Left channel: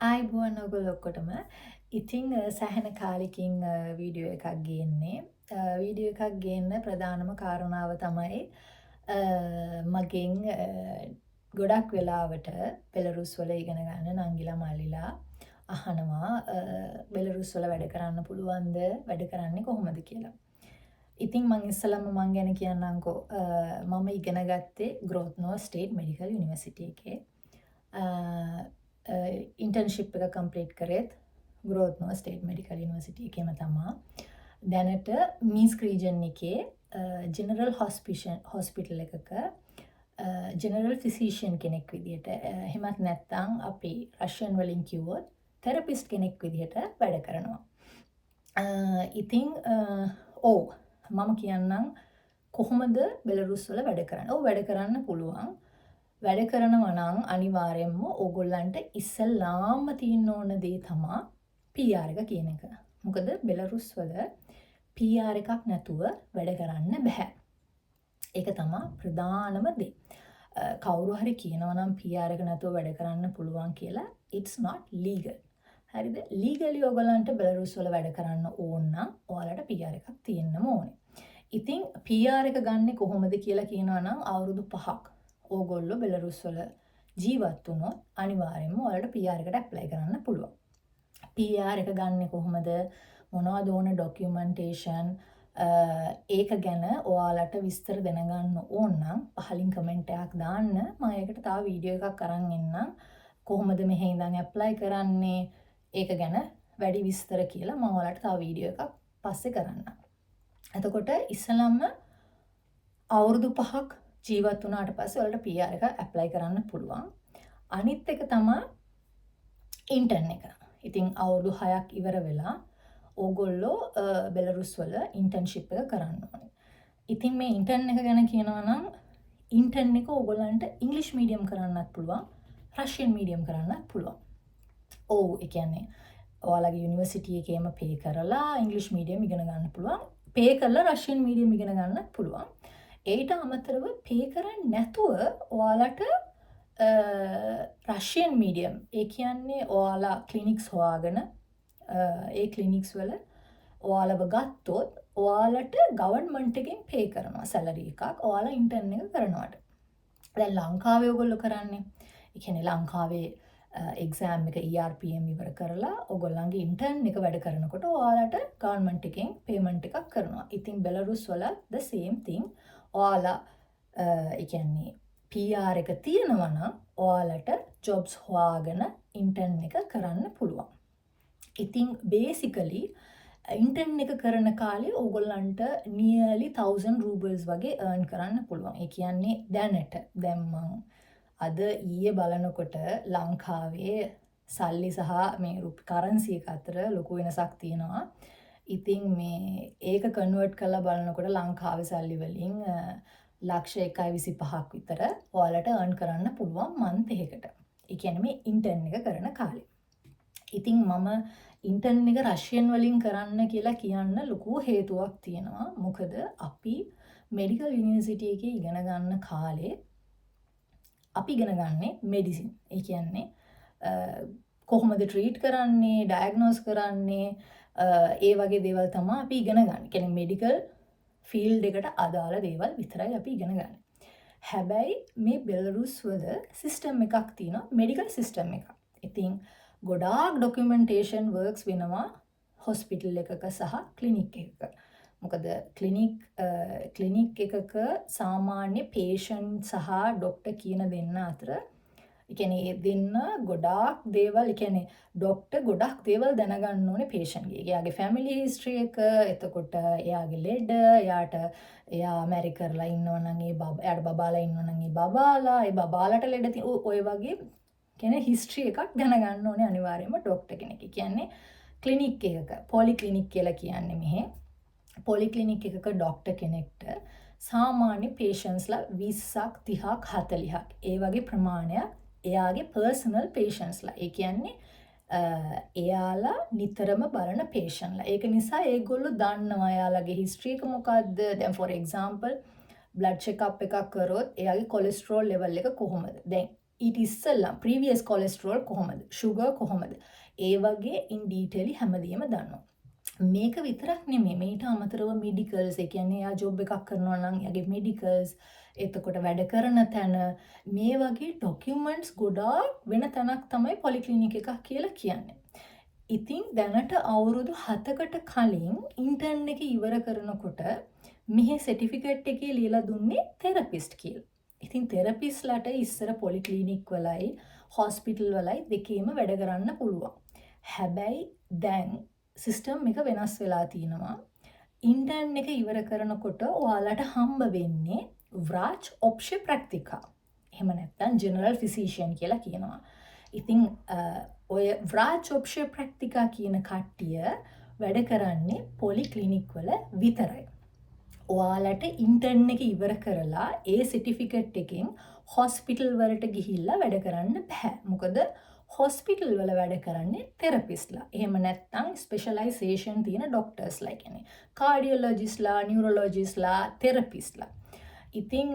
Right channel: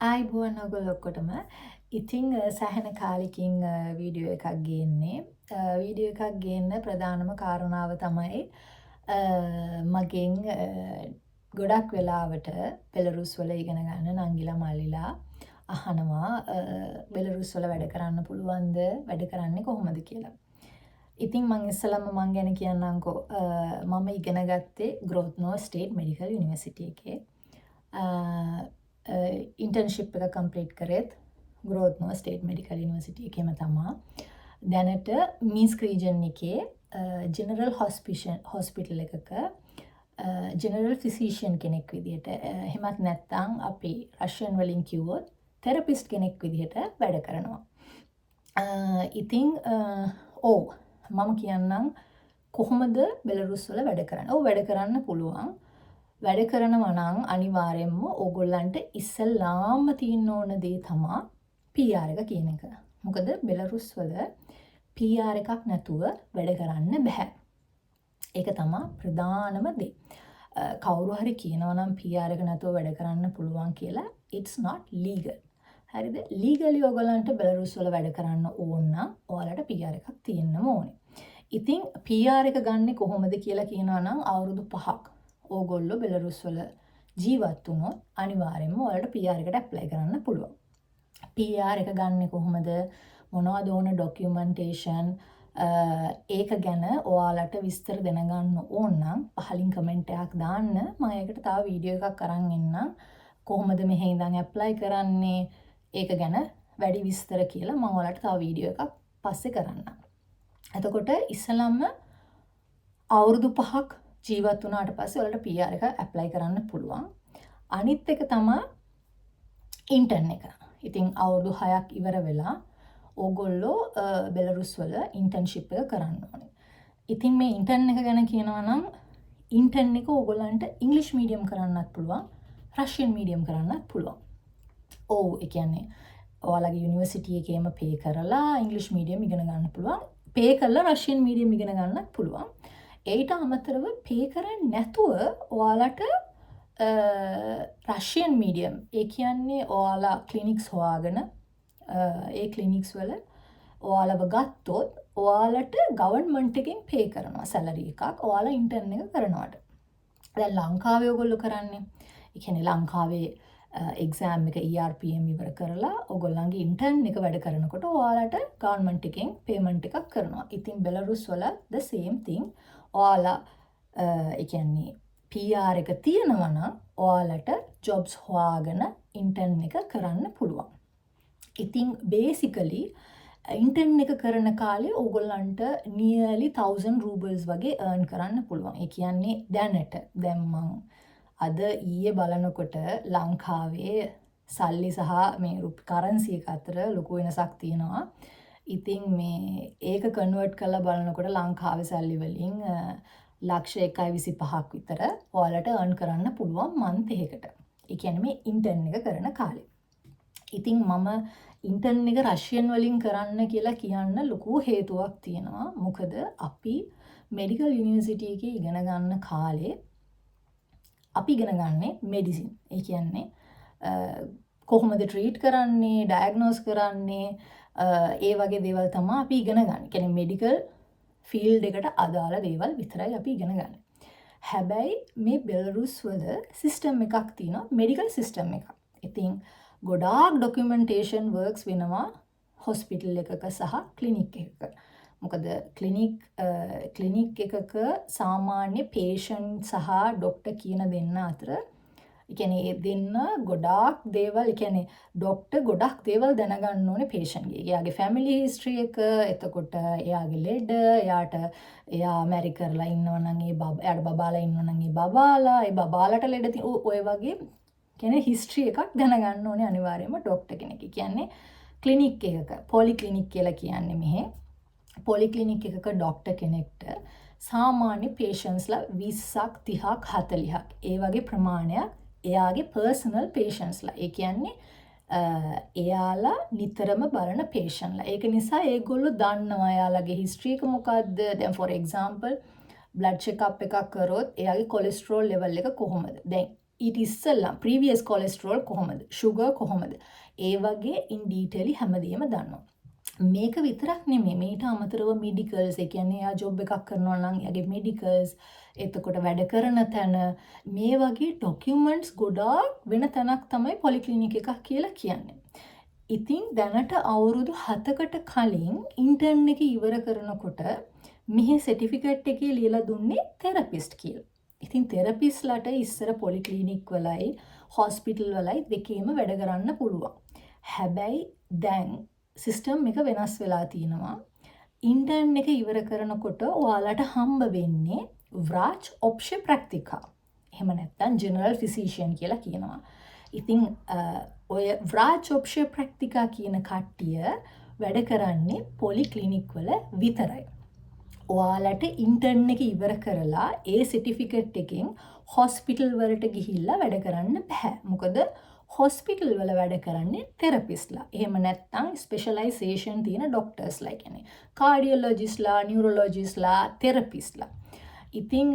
ආයිබෝවන් ඔයගොල්ලෝ ඔක්කොටම. ඉතින් සෑහෙන කාලෙකින් වීඩියෝ එකක් ගේන්නේ. වීඩියෝ එකක් ගේන්න ප්‍රධානම කාරණාව තමයි මගෙන් ගොඩක් වෙලාවට බෙලරුස් වල ඉගෙන ගන්න නංගිලා මල්ලිලා අහනවා බෙලරුස් වල වැඩ කරන්න පුළුවන්ද වැඩ කරන්නේ කොහොමද කියලා. ඉතින් මං ඉස්සලම මං ගැන කියන්නම්කෝ මම ඉගෙන ගත්තේ ග්‍රෝත්නෝ ස්ටේට් මෙඩිකල් යුනිවර්සිටි එකේ. ඉන්ටර්න්ෂිප් එක කම්ප්ලීට් කරෙත් ග්‍රෝත්නෝ ස්ටේට් මෙඩිකල් යුනිවර්සිටි එකේම තමා. දැනට මීන්ස්ක් රීජන් එකේ ජෙනරල් හොස්පිටල් එකක ජෙනරල් ෆිසිෂියන් කෙනෙක් විදිහට එහෙමත් නැත්නම් අපි රෂියන් වලින් කිව්වොත් තෙරපිස්ට් කෙනෙක් විදිහට වැඩ කරනවා. ඉතින් ඔව් මම කියන්නම් කොහොමද බෙලරුස් වල වැඩ කරන්නේ? ඔව් වැඩ කරන්න පුළුවන්. වැඩ කරනවා නම් අනිවාර්යයෙන්ම ඕගොල්ලන්ට ඉස්සෙල්ලාම තියෙන්න ඕන දේ තමයි PR එක කියන එක. මොකද බෙලරුස් වල PR එකක් නැතුව වැඩ කරන්න බෑ. ඒක තමයි ප්‍රධානම දේ. කවුරු හරි කියනවා නම් PR එක නැතුව වැඩ කරන්න පුළුවන් කියලා it's not legal. හරිද? legally ඕගොල්ලන්ට බෙලරුස් වල වැඩ කරන්න ඕන නම් ඔයාලට PR එකක් තියෙන්න ඕනේ. ඉතින් PR එක ගන්නෙ කොහොමද කියලා කියනවා නම් අවුරුදු 5ක් ඕගොල්ලෝ බෙලරුස් වල ජීවත් වුණොත් අනිවාර්යයෙන්ම ඔයාලට PR එකට ඇප්ලයි කරන්න පුළුවන්. PR එක ගන්නෙ කොහොමද? මොනවද ඕන ඩොකියුමන්ටේෂන් ඒක ගැන ඔයාලට විස්තර දැනගන්න ඕන නම් පහලින් කමෙන්ට් එකක් දාන්න. මම ඒකට තව වීඩියෝ එකක් අරන් එන්නම්. කොහොමද මෙහෙ ඉඳන් ඇප්ලයි කරන්නේ? ඒක ගැන වැඩි විස්තර කියලා මම ඔයාලට තව වීඩියෝ එකක් පස්සේ කරන්නම්. එතකොට ඉස්සලම්ම අවුරුදු 5ක් ජීවත් වුණාට පස්සේ ඔයාලට PR එක ඇප්ලයි කරන්න පුළුවන්. අනිත් එක තමයි ඉන්ටර්න් එක. ඉතින් අවුරුදු 6ක් ඉවර වෙලා ඕගොල්ලෝ බෙලරුස් වල ඉන්ටර්න්ෂිප් එක කරන්න ඕනේ. ඉතින් මේ ඉන්ටර්න් එක ගැන කියනවා නම් ඉන්ටර්න් එක ඕගොල්ලන්ට ඉංග්‍රීසි මීඩියම් කරන්නත් පුළුවන්, රෂියන් මීඩියම් කරන්නත් පුළුවන්. ඔව් ඒ කියන්නේ ඔයාලගේ යුනිවර්සිටි එකේම පේ කරලා ඉංග්‍රීසි මීඩියම් ඉගෙන ගන්න පුළුවන්. පේ කරලා රෂියන් මීඩියම් ඉගෙන ගන්නත් පුළුවන්. ඒට අමතරව පේ කරන්නේ නැතුව ඔයාලට රෂියන් මීඩියම් ඒ කියන්නේ ඔයාලා ක්ලිනික්ස් හොයාගෙන ඒ ක්ලිනික්ස් වල ඔයාලව ගත්තොත් ඔයාලට ගවර්න්මන්ට් එකෙන් පේ කරනවා සැලරි එකක් ඔයාලා ඉන්ටර්න් එක කරනවට. දැන් ලංකාවේ ඔයගොල්ලෝ කරන්නේ ඒ කියන්නේ ලංකාවේ එක්සෑම් එක ERPM ඉවර කරලා ඔයගොල්ලන්ගේ ඉන්ටර්න් එක වැඩ කරනකොට ඔයාලට ගවර්න්මන්ට් එකෙන් පේමන්ට් එකක් කරනවා. ඉතින් බෙලරුස් වල the same thing ඔයාලා ඒ කියන්නේ PR එක තියෙනවා නම් ඔයාලට ජොබ්ස් හොයාගෙන ඉන්ටර්න් එක කරන්න පුළුවන්. ඉතින් basically ඉන්ටර්න් එක කරන කාලේ ඕගොල්ලන්ට nearly 1000 rubles වගේ earn කරන්න පුළුවන්. ඒ කියන්නේ දැනට දැන් මං අද ඊයේ බලනකොට ලංකාවේ සල්ලි සහ මේ කරන්සි එක අතර ලොකු වෙනසක් තියෙනවා. ඉතින් මේ ඒක කන්වර්ට් කරලා බලනකොට ලංකාවේ සල්ලි වලින් ලක්ෂ 1.25ක් විතර ඔයාලට earn කරන්න පුළුවන් month එකකට. ඒ කියන්නේ මේ ඉන්ටර්න් එක කරන කාලේ. ඉතින් මම ඉන්ටර්න් එක රෂියන් වලින් කරන්න කියලා කියන්න ලොකු හේතුවක් තියෙනවා. මොකද අපි මෙඩිකල් යුනිවර්සිටි එකේ ඉගෙන ගන්න කාලේ අපි ඉගෙන ගන්නේ මෙඩිසින්. ඒ කියන්නේ කොහොමද ට්‍රීට් කරන්නේ, ඩයග්නෝස් කරන්නේ ඒ වගේ දේවල් තමයි අපි ඉගෙන ගන්න. කියන්නේ මෙඩිකල් ෆීල්ඩ් එකට අදාළ දේවල් විතරයි අපි ඉගෙන ගන්න. හැබැයි මේ බෙලරුස් වල සිස්ටම් එකක් තියෙනවා, මෙඩිකල් සිස්ටම් එකක්. ඉතින් ගොඩාක් ඩොකියුමන්ටේෂන් වර්ක්ස් වෙනවා හොස්පිටල් එකක සහ ක්ලිනික් එකක. මොකද ක්ලිනික් එකක සාමාන්‍ය පේෂන්ට් සහ ඩොක්ටර් කියන දෙන්න අතර ඒ කියන්නේ ඒ දෙන්න ගොඩාක් දේවල් ඒ කියන්නේ ඩොක්ටර් ගොඩක් දේවල් දැනගන්න ඕනේ පේෂන්ට්ගේ. එයාගේ ෆැමිලි හිස්ටරි එක, එතකොට එයාගේ ලෙඩ, එයා මැරි කරලා ඉන්නවනම් එයාට බබාලා ඉන්නවනම් ඒ බබාලාට ලෙඩ ඔය වගේ කියන්නේ හිස්ටරි එකක් දැනගන්න ඕනේ අනිවාර්යයෙන්ම ඩොක්ටර් කෙනෙක්. කියන්නේ ක්ලිනික් එකක පොලික්ලිනික් කියලා කියන්නේ මෙහෙ. පොලික්ලිනික් එකක ඩොක්ටර් කෙනෙක්ට සාමාන්‍ය පේෂන්ට්ස්ලා 20ක් 30ක් 40ක් ඒ වගේ ප්‍රමාණයක් එයාගේ පර්සනල් පේෂන්ට්ස්ලා. ඒ කියන්නේ එයාලා නිතරම බලන පේෂන්ට්ලා. ඒක නිසා ඒගොල්ලෝ දන්නවා එයාලගේ හිස්ටරි එක මොකද්ද. දැන් for example blood check up එකක් කරොත් එයාගේ කොලෙස්ටරෝල් ලෙවල් එක කොහොමද. දැන් ඊට ඉස්සෙල්ලා ප්‍රීවියස් කොලෙස්ටරෝල් කොහොමද, ෂුගර් කොහොමද, ඒ වගේ ඉන් ඩීටේලි හැමදේම දන්නවා. මේක විතරක් නෙමෙයි, මේට අමතරව මෙඩිකල්ස්, ඒ කියන්නේ එයා ජොබ් එකක් කරනවා නම් එයාගේ මෙඩිකල්ස්, එතකොට වැඩ කරන තැන, මේ වගේ ඩොකියුමන්ට්ස් ගොඩාක් වෙන තැනක් තමයි පොලික්ලිනික් එකක් කියලා කියන්නේ. ඉතින් දැනට අවුරුදු 7කට කලින් ඉන්ටර්න් එක ඉවර කරනකොට මෙහි සර්ටිෆිකේට් එකේ ලියලා දුන්නේ තෙරපිස්ට් කියලා. ඉතින් තෙරපිස්ට්ලාට ඉස්සර පොලික්ලිනික් වලයි හොස්පිටල් වලයි දෙකේම වැඩ කරන්න පුළුවන්. හැබැයි දැන් සිස්ටම් එක වෙනස් වෙලා තියෙනවා. ඉන්ටර්න් එක ඉවර කරනකොට ඔයාලට හම්බ වෙන්නේ ව්‍රාච් ඔප්ෂේ ප්‍රැක්ටිකා. එහෙම නැත්නම් ජෙනරල් ෆිසිෂියන් කියලා කියනවා. ඉතින් ඔය ව්‍රාච් ඔප්ෂේ ප්‍රැක්ටිකා කියන කට්ටිය වැඩ කරන්නේ පොලික්ලිනික් වල විතරයි. ඔයාලට ඉන්ටර්න් එක ඉවර කරලා ඒ සර්ටිෆිකේට් එකෙන් හොස්පිටල් වලට ගිහිල්ලා වැඩ කරන්න බෑ. මොකද හොස්පිටල් වල වැඩ කරන්නේ තෙරපිස්ට්ලා. එහෙම නැත්නම් ස්පෙෂලයිසේෂන් තියෙන ડોක්ටර්ස්ලා, කියන්නේ කාඩියොලොජිස්ට්ලා, නියුරොලොජිස්ට්ලා, තෙරපිස්ට්ලා. ඉතින්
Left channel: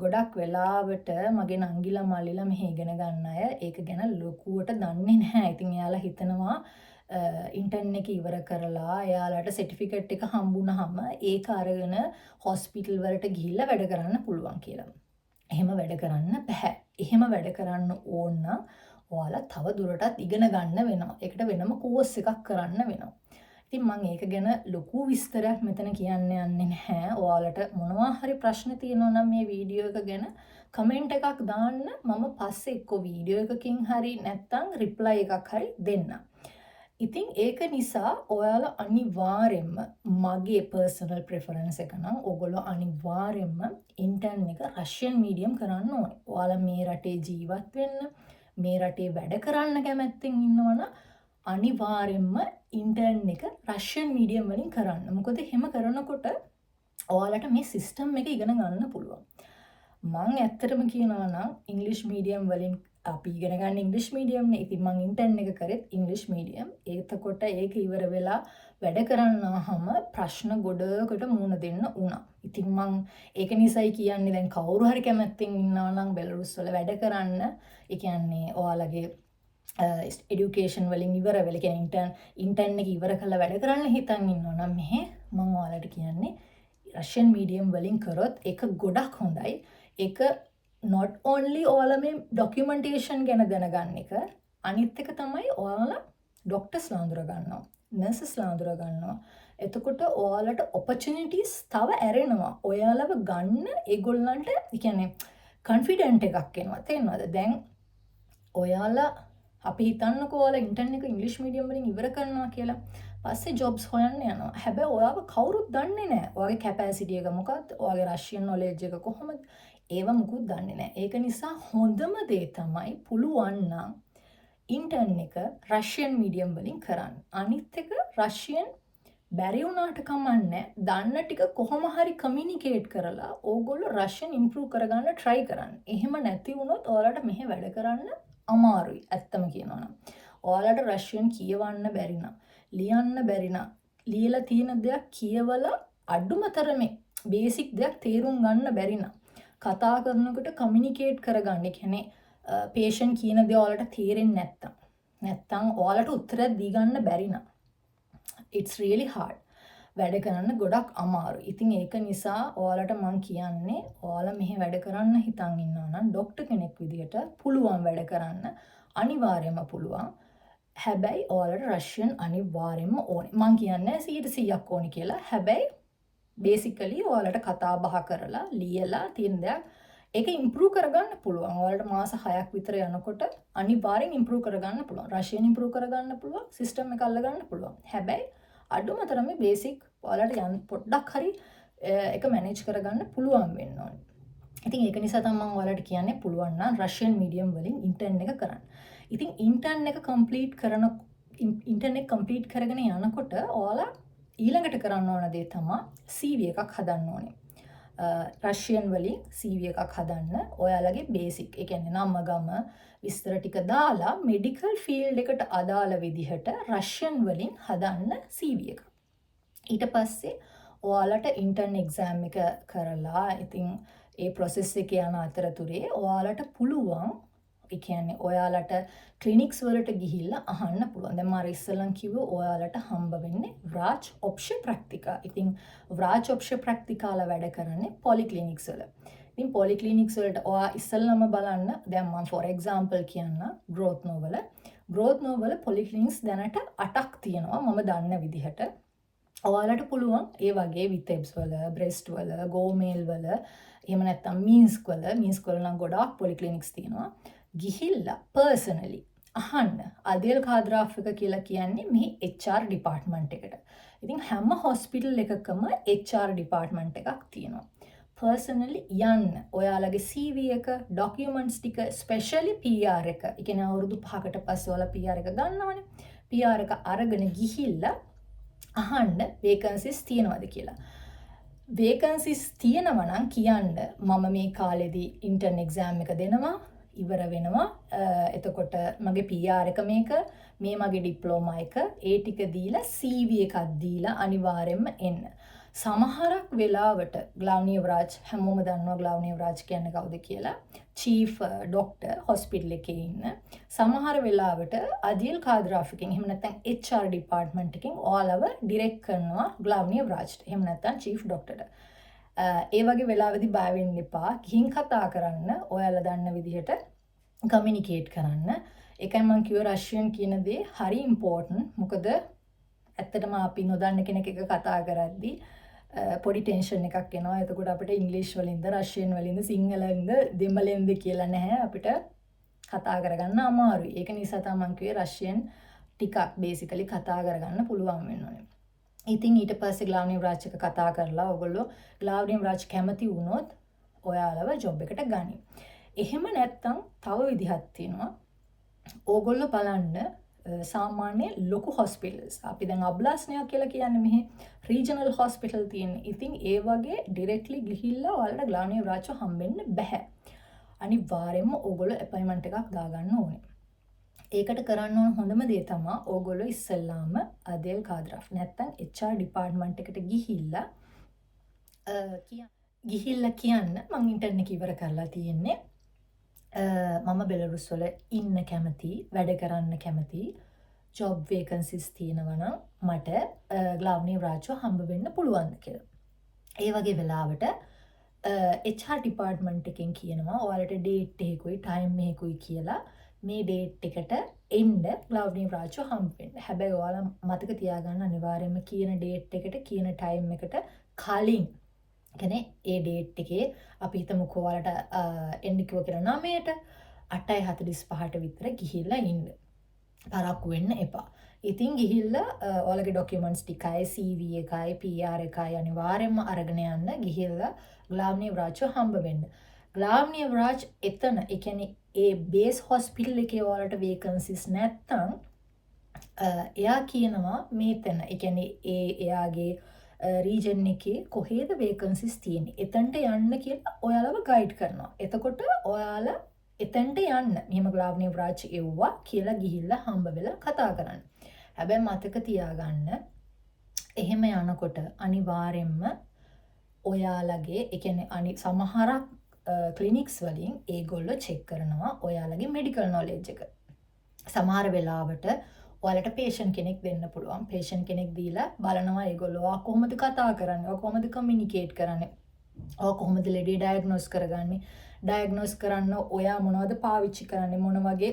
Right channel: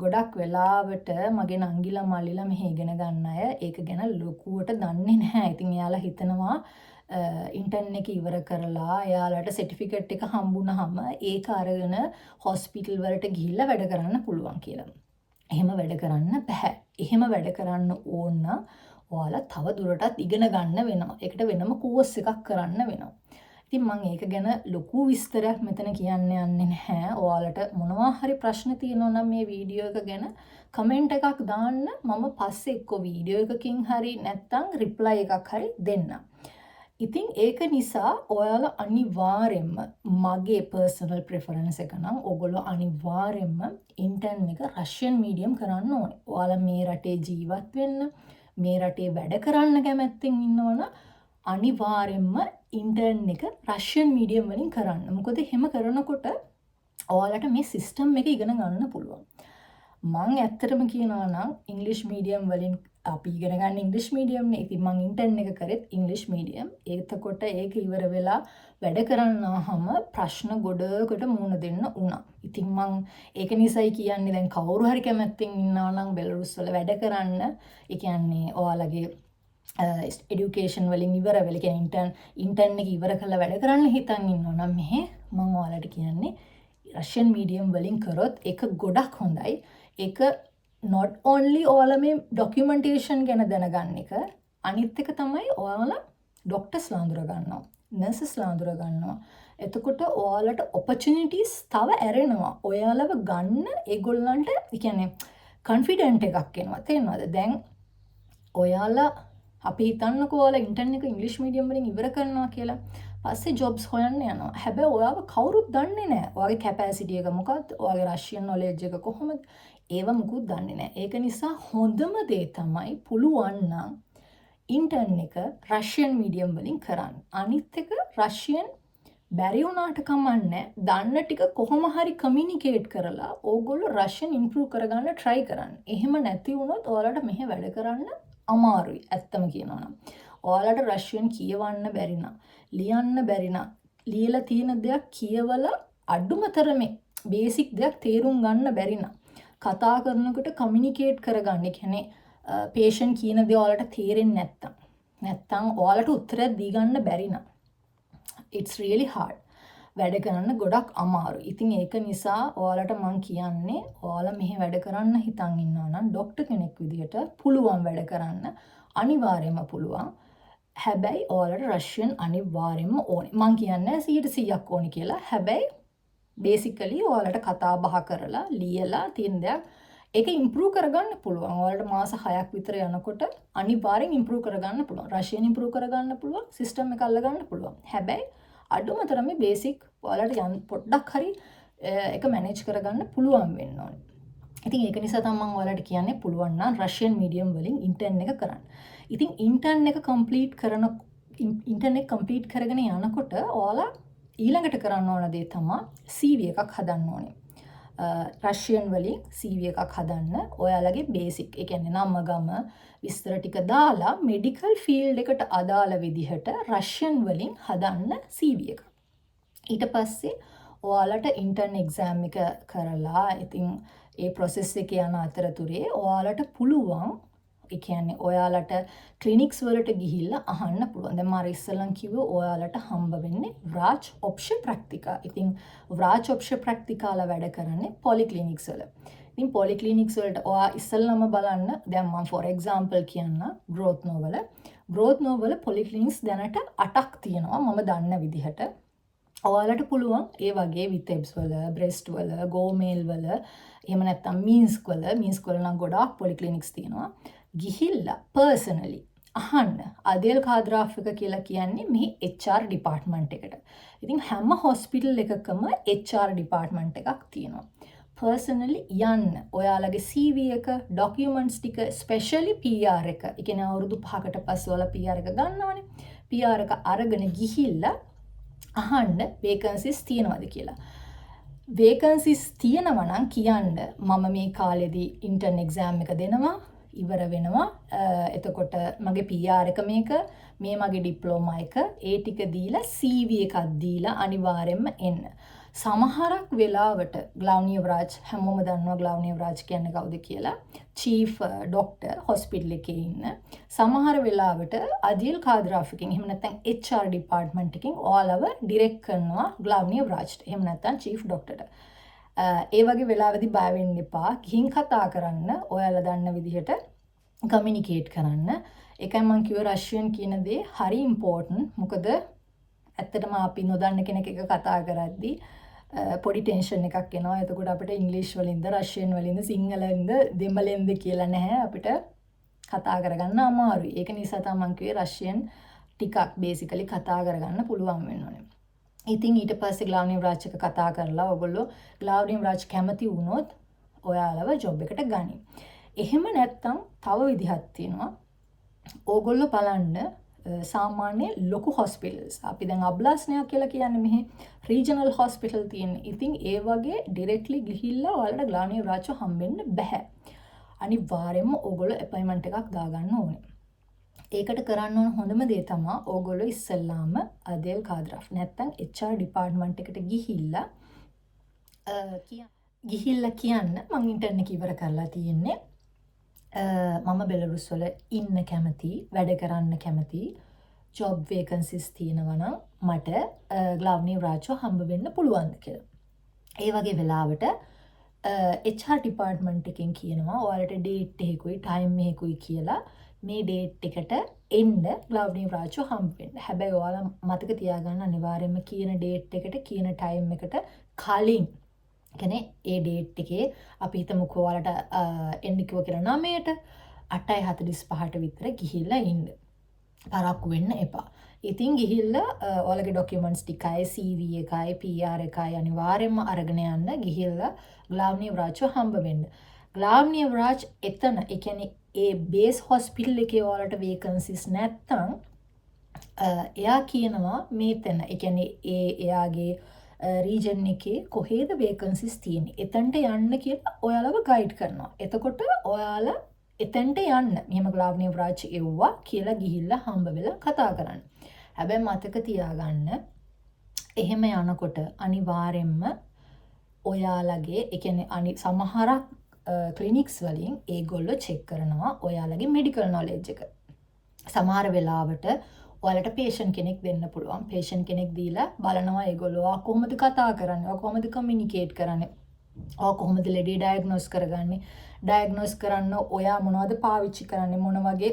ගොඩක් වෙලාවට මගේ නංගිලා මල්ලිලා මෙහෙ ඉගෙන ගන්න අය ඒක ගැන ලොකුවට දන්නේ නැහැ. ඉතින් එයාලා හිතනවා ඉන්ටර්න් එක ඉවර කරලා එයාලට සර්ටිෆිකේට් එක හම්බුනහම ඒක අරගෙන හොස්පිටල් වලට ගිහිල්ලා වැඩ කරන්න පුළුවන් කියලා. එහෙම වැඩ කරන්න බෑ. එහෙම වැඩ කරන්න ඕන නම් ඔයාලා තව දුරටත් ඉගෙන ගන්න වෙනවා. ඒකට වෙනම කෝස් එකක් කරන්න වෙනවා. ඉතින් මම ඒක ගැන ලොකු විස්තරයක් මෙතන කියන්න යන්නේ නැහැ. ඔයාලට මොනවා හරි ප්‍රශ්න තියෙනවා නම් මේ වීඩියෝ එක ගැන කමෙන්ට් එකක් දාන්න. මම පස්සේ එක්ක වීඩියෝ එකකින් හරි නැත්නම් රිප්ලයි එකක් හරි දෙන්නම්. ඉතින් ඒක නිසා ඔයාලා අනිවාර්යෙන්ම, මගේ පර්සනල් ප්‍රෙෆරන්ස් එක නම් ඔයගොල්ලෝ අනිවාර්යෙන්ම ඉන්ටර්න් එක රෂියන් මීඩියම් කරන්න ඕනේ. ඔයාලා මේ රටේ ජීවත් වෙන්න, මේ රටේ වැඩ කරන්න කැමැත්තෙන් ඉන්නවනම් අනිවාර්යෙන්ම ඉන්ටර්න් එක රෂියන් මීඩියම් වලින් කරන්න. මොකද එහෙම කරනකොට ඔයාලට මේ සිස්ටම් එක ඉගෙන ගන්න පුළුවන්. මං ඇත්තටම කියනවා නම් ඉංග්‍රීසි මීඩියම් වලින් අපි ඉගෙන ගන්න ඉංග්‍රීසි මීඩියම් නේ. ඉතින් මං ඉන්ටර්න් එක කරෙත් ඉංග්‍රීසි මීඩියම්. එතකොට ඒක ඉවර වෙලා වැඩ කරන්නාම ප්‍රශ්න ගොඩකට මුහුණ දෙන්න වුණා. ඉතින් මං ඒක නිසායි කියන්නේ දැන් කවුරු හරි කැමැත්තෙන් ඉන්නවා නම් බෙලරුස් වල වැඩ කරන්න, ඒ කියන්නේ ඔයාලගේ එඩියුකේෂන් වලින් ඉවර වෙලා, කියන්නේ ඉන්ටර්න් එක ඉවර කරලා වැඩ කරන්න හිතන් ඉන්නවා නම් මෙහෙ මම ඔයාලට කියන්නේ රෂියන් මීඩියම් වලින් කරොත් ඒක ගොඩක් හොඳයි. ඒක not only ඔයාලා මේ ડોකියුමන්ටේෂන් ගැන දැනගන්න එක, අනිත් එක තමයි ඔයාලා ડોක්ටර්ස්ලා අඳුර ගන්නවා, නර්සස්ලා අඳුර ගන්නවා. එතකොට ඔයාලට opportunities තව ඇරෙනවා. ඔයාලව ගන්න ඒගොල්ලන්ට, ඒ කියන්නේ confident එකක් එනවා. තේරෙනවද? දැන් ඔයාලා අපි හිතන්නකෝ ඔයාලා ඉන්ටර්න් එක ඉංග්‍රීසි මීඩියම් වලින් ඉවර කරනවා කියලා. පස්සේ ජොබ්ස් හොයන්න යනවා. හැබැයි ඔයාව කවුරුත් දන්නේ නැහැ. ඔයාගේ කැපැසිටි එක මොකක්ද? ඔයාගේ රෂියන් නොලෙජ් එක කොහොමද? ඒව මුකුත් දන්නේ නැහැ. ඒක නිසා හොඳම දේ තමයි පුළුවන් නම් ඉන්ටර්න් එක රෂියන් මීඩියම් වලින් කරන්න. අනිත් එක රෂියන් බැරි වුණාට කමන්නේ. දන්න ටික කොහොම හරි කමියුනිකේට් කරලා ඕගොල්ලෝ රෂියන් ඉම්ප්‍රූව් කරගන්න try කරන්න. එහෙම නැති වුණොත් ඔයාලට මෙහෙ වැඩ කරන්න අමාරුයි. ඇත්තම කියනවා නම්. ඔයාලට රෂියන් කියවන්න බැරි නම්, ලියන්න බැරි නම්, ලියලා තියෙන දෙයක් කියවලා අඩුම තරමේ බේසික් දෙයක් තේරුම් ගන්න බැරි නම්, කතා කරනකොට කමියුනිකේට් කරගන්න, කියන්නේ patient කියන දේ ඔයාලට තේරෙන්නේ නැත්තම් ඔයාලට උත්තරයක් දී ගන්න බැරි නම් it's really hard. වැඩ කරන්න ගොඩක් අමාරුයි. ඉතින් ඒක නිසා ඔයාලට මම කියන්නේ ඔයාලා මෙහි වැඩ කරන්න හිතන් ඉන්නවා නම් ડોක්ටර් කෙනෙක් විදිහට පුළුවන් වැඩ කරන්න. අනිවාර්යයෙන්ම පුළුවන්. හැබැයි ඔයාලට රෂියන් අනිවාර්යයෙන්ම ඕනේ. මම කියන්නේ 100% ඕනේ කියලා. හැබැයි බේසිකලි ඔයාලට කතා බහ කරලා ලියලා තියෙන දෙයක් ඒක ඉම්ප්‍රූව් කරගන්න පුළුවන්. ඔයාලට මාස 6ක් විතර යනකොට අනිවාර්යෙන් ඉම්ප්‍රූව් කරගන්න පුළුවන්. රෂියන් ඉම්ප්‍රූව් කරගන්න පුළුවන්. සිස්ටම් එක අල්ලගන්න පුළුවන්. හැබැයි අඩුම තරමේ බේසික් ඔයාලට පොඩ්ඩක් හරි ඒක මැනේජ් කරගන්න පුළුවන් වෙන්න ඕනේ. ඉතින් ඒක නිසා තමයි මම ඔයාලට කියන්නේ පුළුවන් නම් රෂියන් මීඩියම් වලින් ඉන්ටර්න් එක කරන්න. ඉතින් ඉන්ටර්න් එක කම්ප්ලීට් කරගෙන යනකොට ඔයාලා ඊළඟට කරන්න ඕන දේ තමයි CV එකක් හදන්න ඕනේ. රෂියන් වලින් CV එකක් හදන්න ඔයාලගේ බේසික්, ඒ කියන්නේ නම ගම විස්තර ටික දාලා මෙඩිකල් ෆීල්ඩ් එකට අදාළ විදිහට රෂියන් වලින් හදන්න CV එක. ඊට පස්සේ ඔයාලට ඉන්ටර්න් එක්සෑම් එක කරලා ඉතින් ඒ process එක යන අතරතුරේ ඔයාලට පුළුවන් ඒ කියන්නේ ඔයාලට ක්ලිනික්ස් වලට ගිහිල්ලා අහන්න පුළුවන්. දැන් මම ඉස්සෙල්ලන් කිව්වේ ඔයාලට හම්බ වෙන්නේ ව්‍රාජ් ඔප්ෂ ප්‍රැක්ටිකා. ඉතින් ව්‍රාජ් ඔප්ෂ ප්‍රැක්ටිකාලා වැඩ කරන්නේ පොලික්ලිනික්ස් වල. ඉතින් පොලික්ලිනික්ස් වලට ඔයා ඉස්සෙල්ලාම බලන්න දැන් මම ෆොර් එක්සැම්පල් කියන්න ග්‍රෝත් නෝවල. ග්‍රෝත් නෝවල පොලික්ලිනික්ස් දැනට 8ක් තියෙනවා මම දන්න විදිහට. ඔයාලට පුළුවන් ඒ වගේ විතෙබ්ස් වල, බ්‍රෙස්ට් වල, ගෝමේල් වල, එහෙම නැත්නම් මීන්ස්ක් වල නම් ගොඩාක් පොලික්ලිනික්ස් තියෙනවා. ගිහිල්ලා පර්සනලි අහන්න. අදේල් කාද්‍රාෆ් එක කියලා කියන්නේ මෙහි HR ඩිපාර්ට්මන්ට් එකට. ඉතින් හැම හොස්පිටල් එකකම HR ඩිපාර්ට්මන්ට් එකක් තියෙනවා. පර්සනලි යන්න. ඔයාලගේ CV එක, ඩොකියුමන්ට්ස් ටික, ස්පෙෂලි PR එක. ඒ කියන්නේ අවුරුදු 5කට පස්සේ ඔයාලා PR එක ගන්නවනේ. PR එක අරගෙන ගිහිල්ලා අහන්න වේකන්සිස් තියෙනවද කියලා. වේකන්සිස් තියෙනවා නම් කියන්න මම මේ කාලෙදී ඉන්ටර්න් එක්සෑම් එක දෙනවා ඉවර වෙනවා. එතකොට මගේ PR එක මේක, මේ මගේ ඩිප්ලෝමා එක, ඒ ටික දීලා CV එකක් දීලා අනිවාර්යෙන්ම එන්න. සමහරක් වෙලාවට ග්ලව්නිය ව්‍රාජ් හැමෝම දන්නවා ග්ලව්නිය ව්‍රාජ් කියන්නේ කවුද කියලා. චීෆ් ඩොක්ටර් හොස්පිටල් එකේ ඉන්න. සමහර වෙලාවට අදියල් කාද්‍රාෆ් එකෙන් එහෙම නැත්නම් HR ඩිපාර්ට්මන්ට් එකෙන් ඔයාලව ඩිරෙක්ට් කරනවා ග්ලව්නිය ව්‍රාජ්ට. එහෙම නැත්නම් චීෆ් ඩොක්ටර්ට. ඒ වගේ වෙලාවෙදි බය වෙන්න එපා. ගිහින් කතා කරන්න. ඔයාලා දන්න විදිහට කමියුනිකේට් කරන්න. ඒකයි මම කිව්ව රෂියන් කියන දේ හරි ඉම්පෝටන්ට්. මොකද ඇත්තටම අපි නොදන්න කෙනෙක් එක කතා කරද්දී පොඩි ටෙන්ෂන් එකක් එනවා. එතකොට අපිට ඉංග්‍රීසි වලින්ද, රෂියන් වලින්ද, සිංහලෙන්ද, දෙමළෙන්ද කියලා නැහැ අපිට කතා කරගන්න අමාරුයි. ඒක නිසා තමයි මම කිව්වේ රෂියන් ටිකක් බේසිකලි කතා කරගන්න පුළුවන් වෙන්න ඕනේ. ඉතින් ඊට පස්සේ ග්ලාව්නිය ව්‍රාජ් එක කතා කරලා ඔයගොල්ලෝ ග්ලාව්නිය ව්‍රාජ් කැමති වුණොත් ඔයාලව ජොබ් එකට ගනි. එහෙම නැත්නම් තව විදිහක් තියෙනවා. ඕගොල්ලෝ බලන්න සාමාන්‍ය ලොකු හොස්පිටල්ස්. අපි දැන් අබ්ලාස්නයක් කියලා කියන්නේ මෙහි රීජනල් හොස්පිටල් තියෙන්නේ. ඉතින් ඒ වගේ ඩිරෙක්ට්ලි ගිහිල්ලා ඔයාලට ග්ලාව්නිය ව්‍රාජ් හම්බෙන්න බෑ. අනිවාර්යයෙන්ම ඕගොල්ලෝ අපොයින්ට්මන්ට් එකක් දාගන්න ඕනේ. ඒකට කරන්න ඕන හොඳම දේ තමයි ඕගොල්ලෝ ඉස්සෙල්ලාම අදේල් කාද්‍රාෆ් නැත්තම් HR ඩිපාර්ට්මන්ට් එකට ගිහිල්ලා කියන්න මම ඉන්ටර්න් එක ඉවර කරලා තියෙන්නේ. මම බෙලරුස් වල ඉන්න කැමති, වැඩ කරන්න කැමති, ජොබ් වේකන්සිස් තියෙනවා නම් මට ග්ලාව්නිය ව්‍රාජ්ව හම්බ වෙන්න පුළුවන්ද කියලා. ඒ වගේ වෙලාවට HR ඩිපාර්ට්මන්ට් එකෙන් කියනවා ඔයාලට ඩේට් එකකුයි ටයිම් එකකුයි කියලා මේ ඩේට් එකට එන්න ග්ලාව්නිය ව්‍රාජ්ව හම්බ වෙන්න. හැබැයි ඔයාලා මතක තියාගන්න අනිවාර්යයෙන්ම කියන ඩේට් එකට කියන ටයිම් එකට කලින් කියන්නේ ඒ ඩේට් එකේ අපි හිතමුකෝ ඔයාලට එන්න කිව්ව කියලා 9ට 8:45ට විතර ගිහිල්ලා ඉන්න. පරක්කු වෙන්න එපා. ඉතින් ගිහිල්ලා ඔයාලගේ ඩොකියුමන්ට්ස් ටිකයි CV එකයි PR එකයි අනිවාර්යයෙන්ම අරගෙන යන්න ගිහිල්ලා ග්ලාව්නිය ව්‍රාජ්ව හම්බ වෙන්න. ග්ලාව්නිය ව්‍රාජ් එතන ඒ කියන්නේ ඒ බේස් හොස්පිටල් එකේ ඔයාලට වේකන්සිස් නැත්තම් එයා කියනවා මේතන ඒ කියන්නේ එයාගේ රීජන් එකේ කොහේද වේකන්සිස් තියෙන්නේ. එතනට යන්න කියලා ඔයාලව ගයිඩ් කරනවා. එතකොට ඔයාලා එතනට යන්න. මෙහෙම ග්ලාව්නිය ව්‍රාජ් එව්වා කියලා ගිහිල්ලා හම්බ වෙලා කතා කරන්න. හැබැයි මතක තියාගන්න එහෙම යනකොට අනිවාර්යෙන්ම ඔයාලගේ ඒ කියන්නේ සමහරක් ක්ලිනික්ස් වලින් ඒගොල්ලෝ චෙක් කරනවා ඔයාලගේ මෙඩිකල් නොලෙජ් එක. සමහර වෙලාවට ඔයාලට පේෂන්ට් කෙනෙක් දෙන්න පුළුවන්. පේෂන්ට් කෙනෙක් දීලා බලනවා ඒගොල්ලෝ කොහොමද කතා කරන්නේ, කොහොමද කමියුනිකේට් කරන්නේ, කොහොමද ලෙඩේ ඩයග්නෝස් කරගන්නේ, ඩයග්නෝස් කරන්න ඔයා මොනවද පාවිච්චි කරන්නේ, මොන වගේ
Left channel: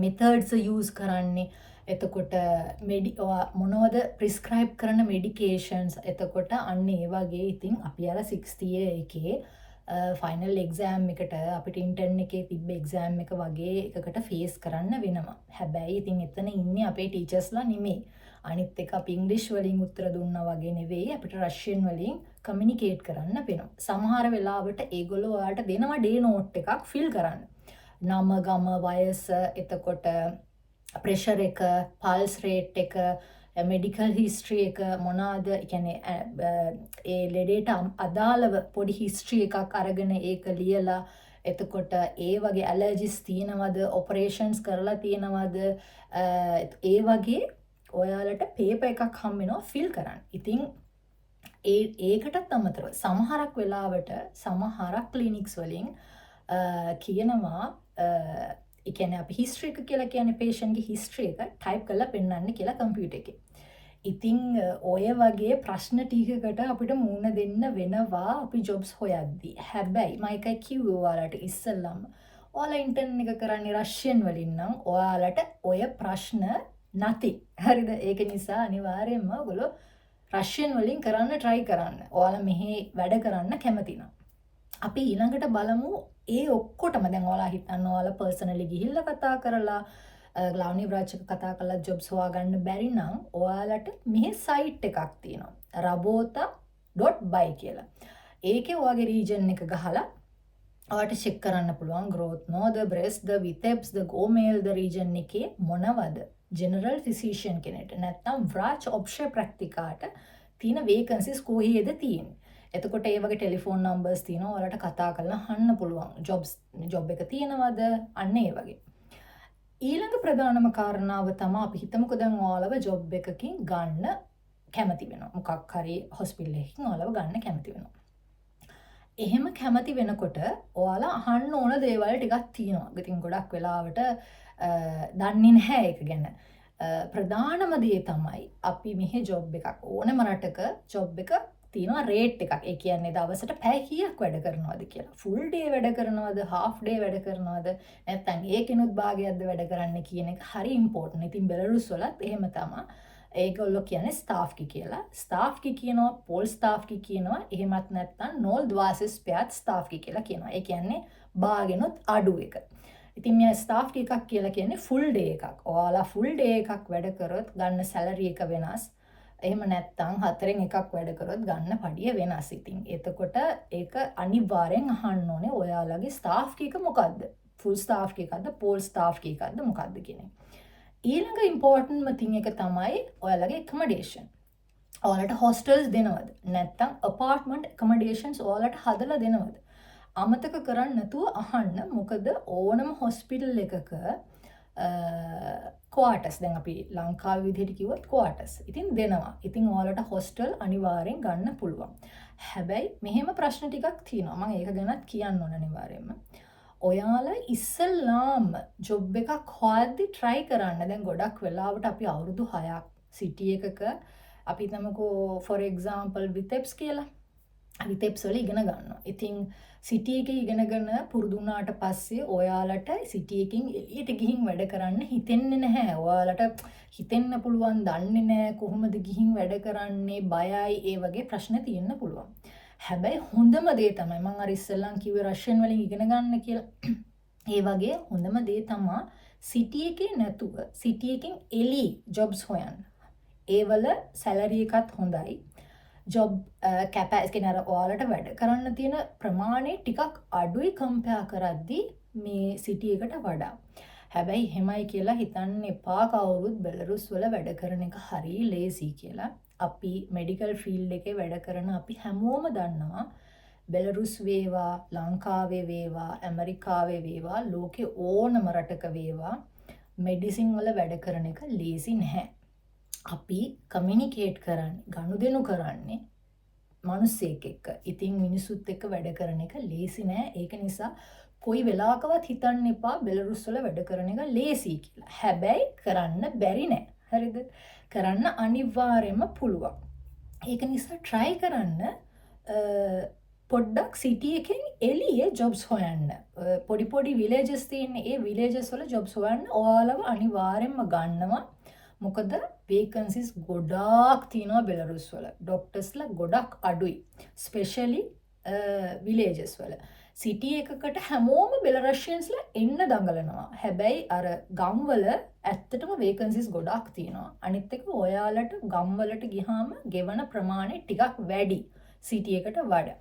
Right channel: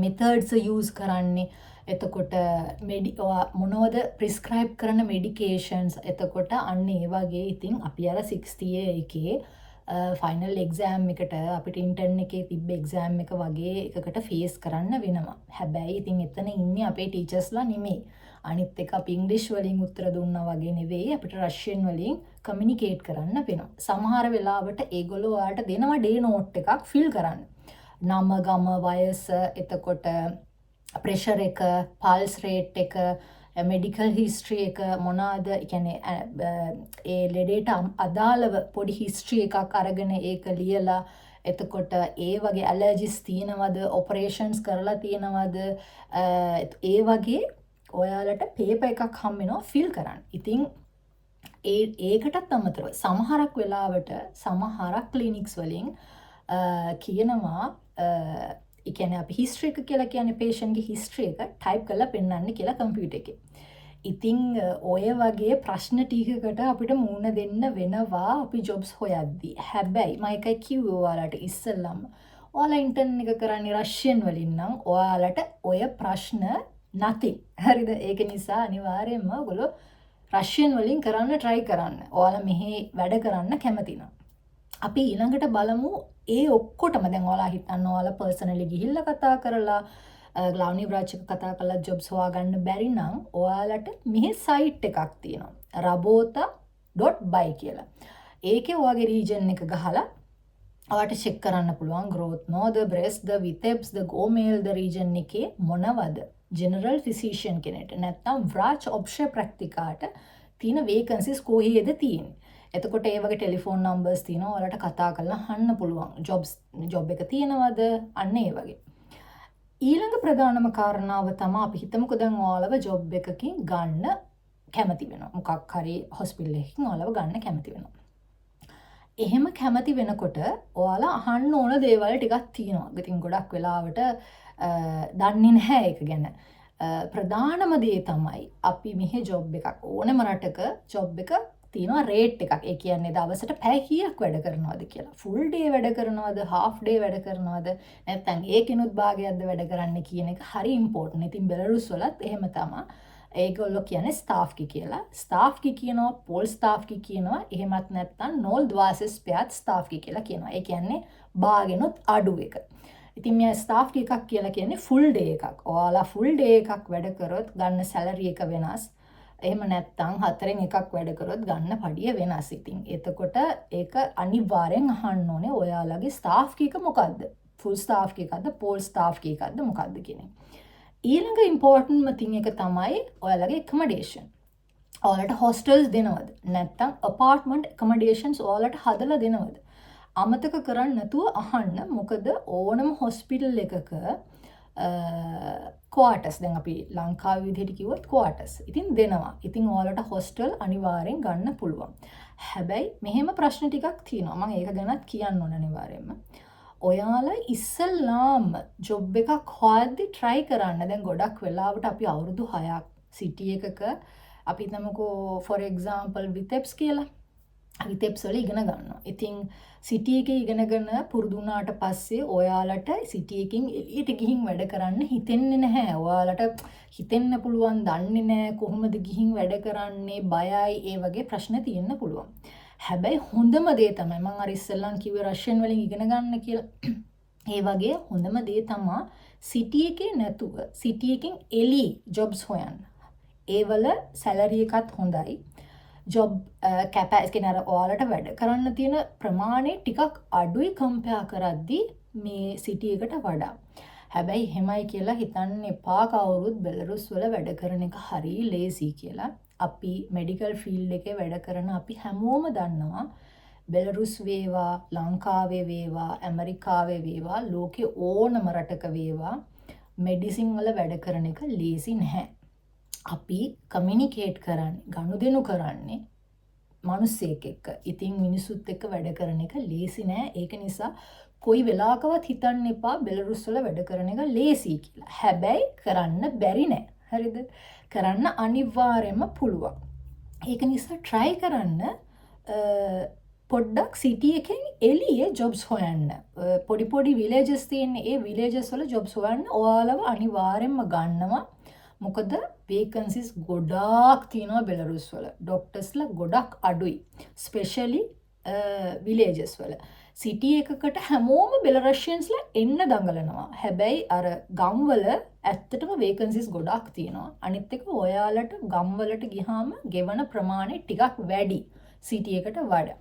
මෙතඩ්ස් යූස් කරන්නේ, එතකොට මොනවද ප්‍රිස්ක්‍රයිබ් කරන මෙඩිකේෂන්ස්. එතකොට අන්න ඒ වගේ ඉතින් අපි අර 60 එකේ ෆයිනල් එක්සෑම් එකට අපිට ඉන්ටර්න් එකේ තිබ්බ එක්සෑම් එක වගේ එකකට ෆේස් කරන්න වෙනවා. හැබැයි ඉතින් එතන ඉන්නේ අපේ ටීචර්ස්ලා නෙමෙයි. අනිත් එක අපි ඉංග්‍රීසි වලින් උත්තර දුන්නා වගේ නෙවෙයි අපිට රෂියන් වලින් කමියුනිකේට් කරන්න වෙනවා. සමහර වෙලාවට ඒගොල්ලෝ ඔයාලට දෙනවා ඩේ නෝට් එකක් ෆිල් කරන්න. නම, ගම, වයස, එතකොට ප්‍රෙෂර් එක, පල්ස් රේට් එක, මෙඩිකල් හිස්ට්‍රි එක මොනවාද කියන්නේ ඒ ලෙඩේට අදාළව පොඩි හිස්ට්‍රි එකක් අරගෙන ඒක ලියලා එතකොට ඒ වගේ ඇලර්ජිස් තියෙනවද, ඔපරේෂන්ස් කරලා තියෙනවද, ඒ වගේ ඔයාලට පේපර් එකක් හම් වෙනවා ෆිල් කරන්න. ඉතින් ඒකටත් අමතරව සමහරක් වෙලාවට සමහරක් ක්ලිනික්ස් වලින් කියනවා ඒ කියන්නේ අපි හිස්ටරි එක කියලා කියන්නේ patient ගේ හිස්ටරි එක ටයිප් කරලා පෙන්නන්න කියලා කම්පියුටර් එකේ. ඉතින් ඔය වගේ ප්‍රශ්න ටිකකට අපිට මුහුණ දෙන්න වෙනවා අපි ජොබ්ස් හොයද්දී. හැබැයි මම එකයි කිව්වේ ඔයාලට ඉස්සෙල්ලම. ඔයාලා ඉන්ටර්න් එක කරන්නේ රෂියන් වලින් නම් ඔයාලට ඔය ප්‍රශ්න නැති. හරිද? ඒක නිසා අනිවාර්යයෙන්ම ඔයගොල්ලෝ රෂියන් වලින් කරන්න try කරන්න. ඔයාලා මෙහි වැඩ කරන්න කැමති නම්. අපි ඊළඟට බලමු ඒ ඔක්කොටම දැන් ඔයාලා හිතන්න ඔයාලා පර්සනලි ගිහිල්ලා කතා කරලා ග්ලාවනි බ්‍රාච් එක කතා කරලා ජොබ්ස් හොයාගන්න බැරි නම් ඔයාලට මෙහි සයිට් එකක් තියෙනවා. rabota.by කියලා. ඒකේ ඔයාගේ රීජන් එක ගහලා ඔයාලට චෙක් කරන්න පුළුවන් growth node, breast, vitebs, gomel region එකේ මොනවද? general physician කෙනෙක්ට නැත්නම් බ්‍රාච් ඔප්ෂන් ප්‍රැක්ටිකාට තියෙන vacancies කොහේද තියෙන්නේ? එතකොට ඒ වගේ ටෙලිෆෝන් නම්බර්ස් තියෙනවා. ඔයාලට කතා කරලා අහන්න පුළුවන්. ජොබ් එක තියෙනවද? අන්න ඒ වගේ. ඊළඟ ප්‍රධානම කාරණාව තමයි අපි හිතමුකෝ දැන් ඔයාලව ජොබ් එකකින් ගන්න කැමති වෙනවා. මොකක් හරි හොස්පිටල් එකකින් ඔයාලව ගන්න කැමති වෙනවා. එහෙම කැමති වෙනකොට ඔයාලා අහන්න ඕන දේවල් ටිකක් තියෙනවා. ඉතින් ගොඩක් වෙලාවට දන්නේ නැහැ ඒක ගැන. ප්‍රධානම දේ තමයි අපි මෙහි ජොබ් එකක් ඕනම රටක ජොබ් එක තියෙනවා රේට් එකක්. ඒ කියන්නේ දවසට පැය කීයක් වැඩ කරනවද කියලා. ෆුල් ඩේ වැඩ කරනවද, හාෆ් ඩේ වැඩ කරනවද, නැත්නම් ඒකිනුත් භාගයක්ද වැඩ කරන්න කියන එක හරි ඉම්පෝටන්ට්. ඉතින් බෙලරුස් වලත් එහෙම තමයි. ඒගොල්ලෝ කියන්නේ ස්ටාෆ් කි කියලා. ස්ටාෆ් කි කියනවා, පෝල් ස්ටාෆ් කි කියනවා. එහෙමත් නැත්නම් 0.25 ස්ටාෆ් කි කියලා කියනවා. ඒ කියන්නේ භාගෙනුත් අඩු එක. ඉතින් මේ ස්ටාෆ් කි එකක් කියලා කියන්නේ ෆුල් ඩේ එකක්. ඔයාලා ෆුල් ඩේ එකක් වැඩ කරොත් ගන්න සැලරි එක වෙනස්. එහෙම නැත්නම් 4න් එකක් වැඩ කරොත් ගන්න පඩිය වෙනස්. ඉතින් එතකොට ඒක අනිවාර්යෙන් අහන්න ඕනේ ඔයාලගේ ස්ටාෆ් කී එක මොකද්ද? ෆුල් ස්ටාෆ් කී එකක්ද, පෝල් ස්ටාෆ් කී එකක්ද මොකද්ද කියන එක. ඊළඟ ඉම්පෝටන්ට්ම තින් එක තමයි ඔයාලගේ accommodation. ඔයාලට hostels දෙනවද? නැත්නම් apartment accommodations ඔයාලට හදලා දෙනවද? අමතක කරන්නේ නැතුව අහන්න. මොකද ඕනම hospital එකක quarters දැන් අපි ලංකාවේ විදිහට කිව්වොත් quarters ඉතින් දෙනවා. ඉතින් ඔයාලට hostel අනිවාර්යෙන් ගන්න පුළුවන්. හැබැයි මෙහෙම ප්‍රශ්න ටිකක් තියෙනවා. මම ඒක ගැනත් කියන්න ඕන අනිවාර්යෙන්ම. ඔයාලා ඉස්සල්ලාම ජොබ් එකක් හොයද්දි try කරන්න. දැන් ගොඩක් වෙලාවට අපි අවුරුදු 6ක් city එකක අපි තමකෝ for example vitebs කියලා vitebs වල ඉගෙන ගන්නවා. ඉතින් city එකේ ඉගෙනගෙන පුරුදු වුණාට පස්සේ ඔයාලට city එකකින් එළියට ගිහින් වැඩ කරන්න හිතෙන්නේ නැහැ. ඔයාලට හිතෙන්න පුළුවන් දන්නේ නැහැ කොහොමද ගිහින් වැඩ කරන්නේ, බයයි, ඒ වගේ ප්‍රශ්න තියෙන්න පුළුවන්. හැබැයි හොඳම දේ තමයි මම අර ඉස්සෙල්ලන් කිව්වේ රෂියන් වලින් ඉගෙන ගන්න කියලා. ඒ වගේ හොඳම දේ තමයි city එකේ නැතුව city එකෙන් එළි jobs හොයන්න. ඒවල සැලරි එකත් හොඳයි. ජොබ් කැපැසිටි නර ඔයාලට වැඩ කරන්න තියෙන ප්‍රමාණය ටිකක් අඩුයි කම්පෙයාර් කරද්දී මේ සිටි එකට වඩා. හැබැයි එහෙමයි කියලා හිතන්න එපා කවුරුත් බෙලරුස් වල වැඩ කරන එක හරිය ලේසි කියලා. අපි මෙඩිකල් ෆීල්ඩ් එකේ වැඩ කරන අපි හැමෝම දන්නවා බෙලරුස් වේවා, ලංකාවේ වේවා, ඇමරිකාවේ වේවා, ලෝකේ ඕනම රටක වේවා මෙඩිසින් වල වැඩ කරන එක ලේසි නැහැ. අපි කමියුනිකේට් කරන්නේ, ගනුදෙනු කරන්නේ මිනිස්සෙක් එක්ක. ඉතින් මිනිසුත් එක්ක වැඩ කරන එක ලේසි නෑ. ඒක නිසා කොයි වෙලාවකවත් හිතන්න එපා බෙලරුස් වල වැඩ කරන එක ලේසි කියලා. හැබැයි කරන්න බැරි නෑ. හරිද? කරන්න අනිවාර්යයෙන්ම පුළුවන්. ඒක නිසා try කරන්න පොඩ්ඩක් සිටි එකෙන් එළියේ ජොබ්ස් හොයන්න. පොඩි පොඩි විලේජස් තියෙන ඒ විලේජස් වල ජොබ්ස් හොයන්න ඔයාලව අනිවාර්යයෙන්ම ගන්නවා. මොකද වේකන්සිස් ගොඩාක් තියෙනවා බෙලරුස් වල. ඩොක්ටර්ස්ලා ගොඩක් අඩුයි. ස්පෙෂලි විලේජස් වල. සිටි එකකට හැමෝම බෙලරෂියන්ස්ලා එන්න දඟලනවා. හැබැයි අර ගම්වල ඇත්තටම වේකන්සිස් ගොඩක් තියෙනවා. අනිත් එක ඔයාලට ගම්වලට ගියාම ගෙවන ප්‍රමාණය ටිකක් වැඩි සිටි එකට වඩා.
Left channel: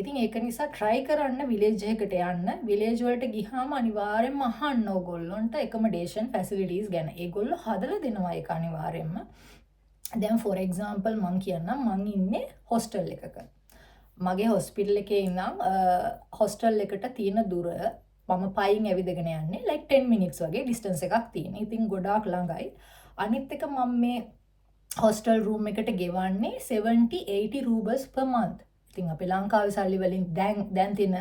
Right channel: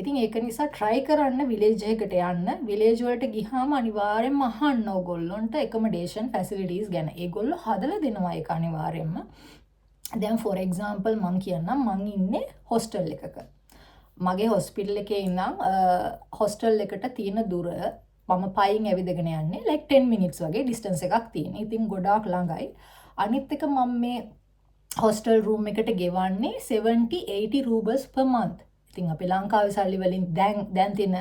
ඉතින් ඒක නිසා try කරන්න විලේජ් එකකට යන්න. විලේජ් වලට ගියාම අනිවාර්යෙන්ම අහන්න ඕගොල්ලන්ට accommodation facilities ගැන. ඒගොල්ලෝ හදලා දෙනවා ඒක අනිවාර්යෙන්ම. දැන් for example මම කියන්නම් මම ඉන්නේ hostel එකක. මගේ hospital එකේ ඉඳන් hostel එකට තියෙන දුර මම පයින් ඇවිදගෙන යන්නේ like 10 minutes වගේ distance එකක් තියෙන. ඉතින් ගොඩාක් ළඟයි. අනිත් එක මම මේ hostel room එකට ගෙවන්නේ 70-80 rubles per month. ඉතින් අපි ලංකාවේ සල්ලි වලින් දැන් තියෙන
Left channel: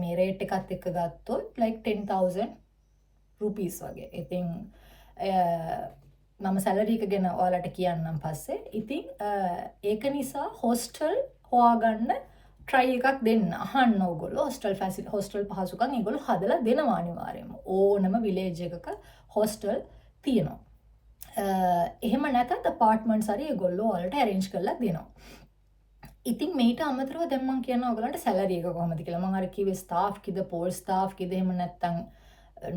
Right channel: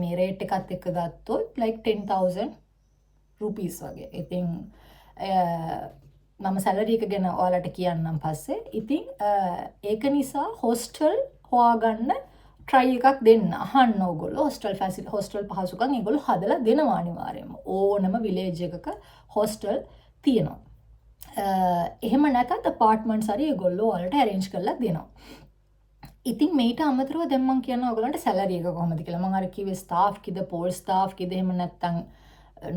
මේ රේට් එකත් එක්ක ගත්තොත් like 10,000 rupees වගේ. ඉතින් මම සැලරි එක ගැන ඔයාලට කියන්නම් පස්සේ. ඉතින් ඒක නිසා හොස්ටල් හොයාගන්න try එකක් දෙන්න. අහන්න ඕගොල්ලෝ හොස්ටල් පහසුකම් ඒගොල්ලෝ හදලා දෙනවා අනිවාර්යයෙන්ම. ඕනම විලේජ් එකක හොස්ටල් තියෙනවා. එහෙම නැත්නම් අපාර්ට්මන්ට්ස් හරි ඒගොල්ලෝ ඔයාලට arrange කරලා දෙනවා. ඉතින් මේට අමතරව දැන් මම කියනවා ඔයගලන්ට සැලරි එක කොහොමද කියලා. මම අර කිව්වේ ස්ටාෆ් කිද පෝල් ස්ටාෆ් කිද එහෙම නැත්නම්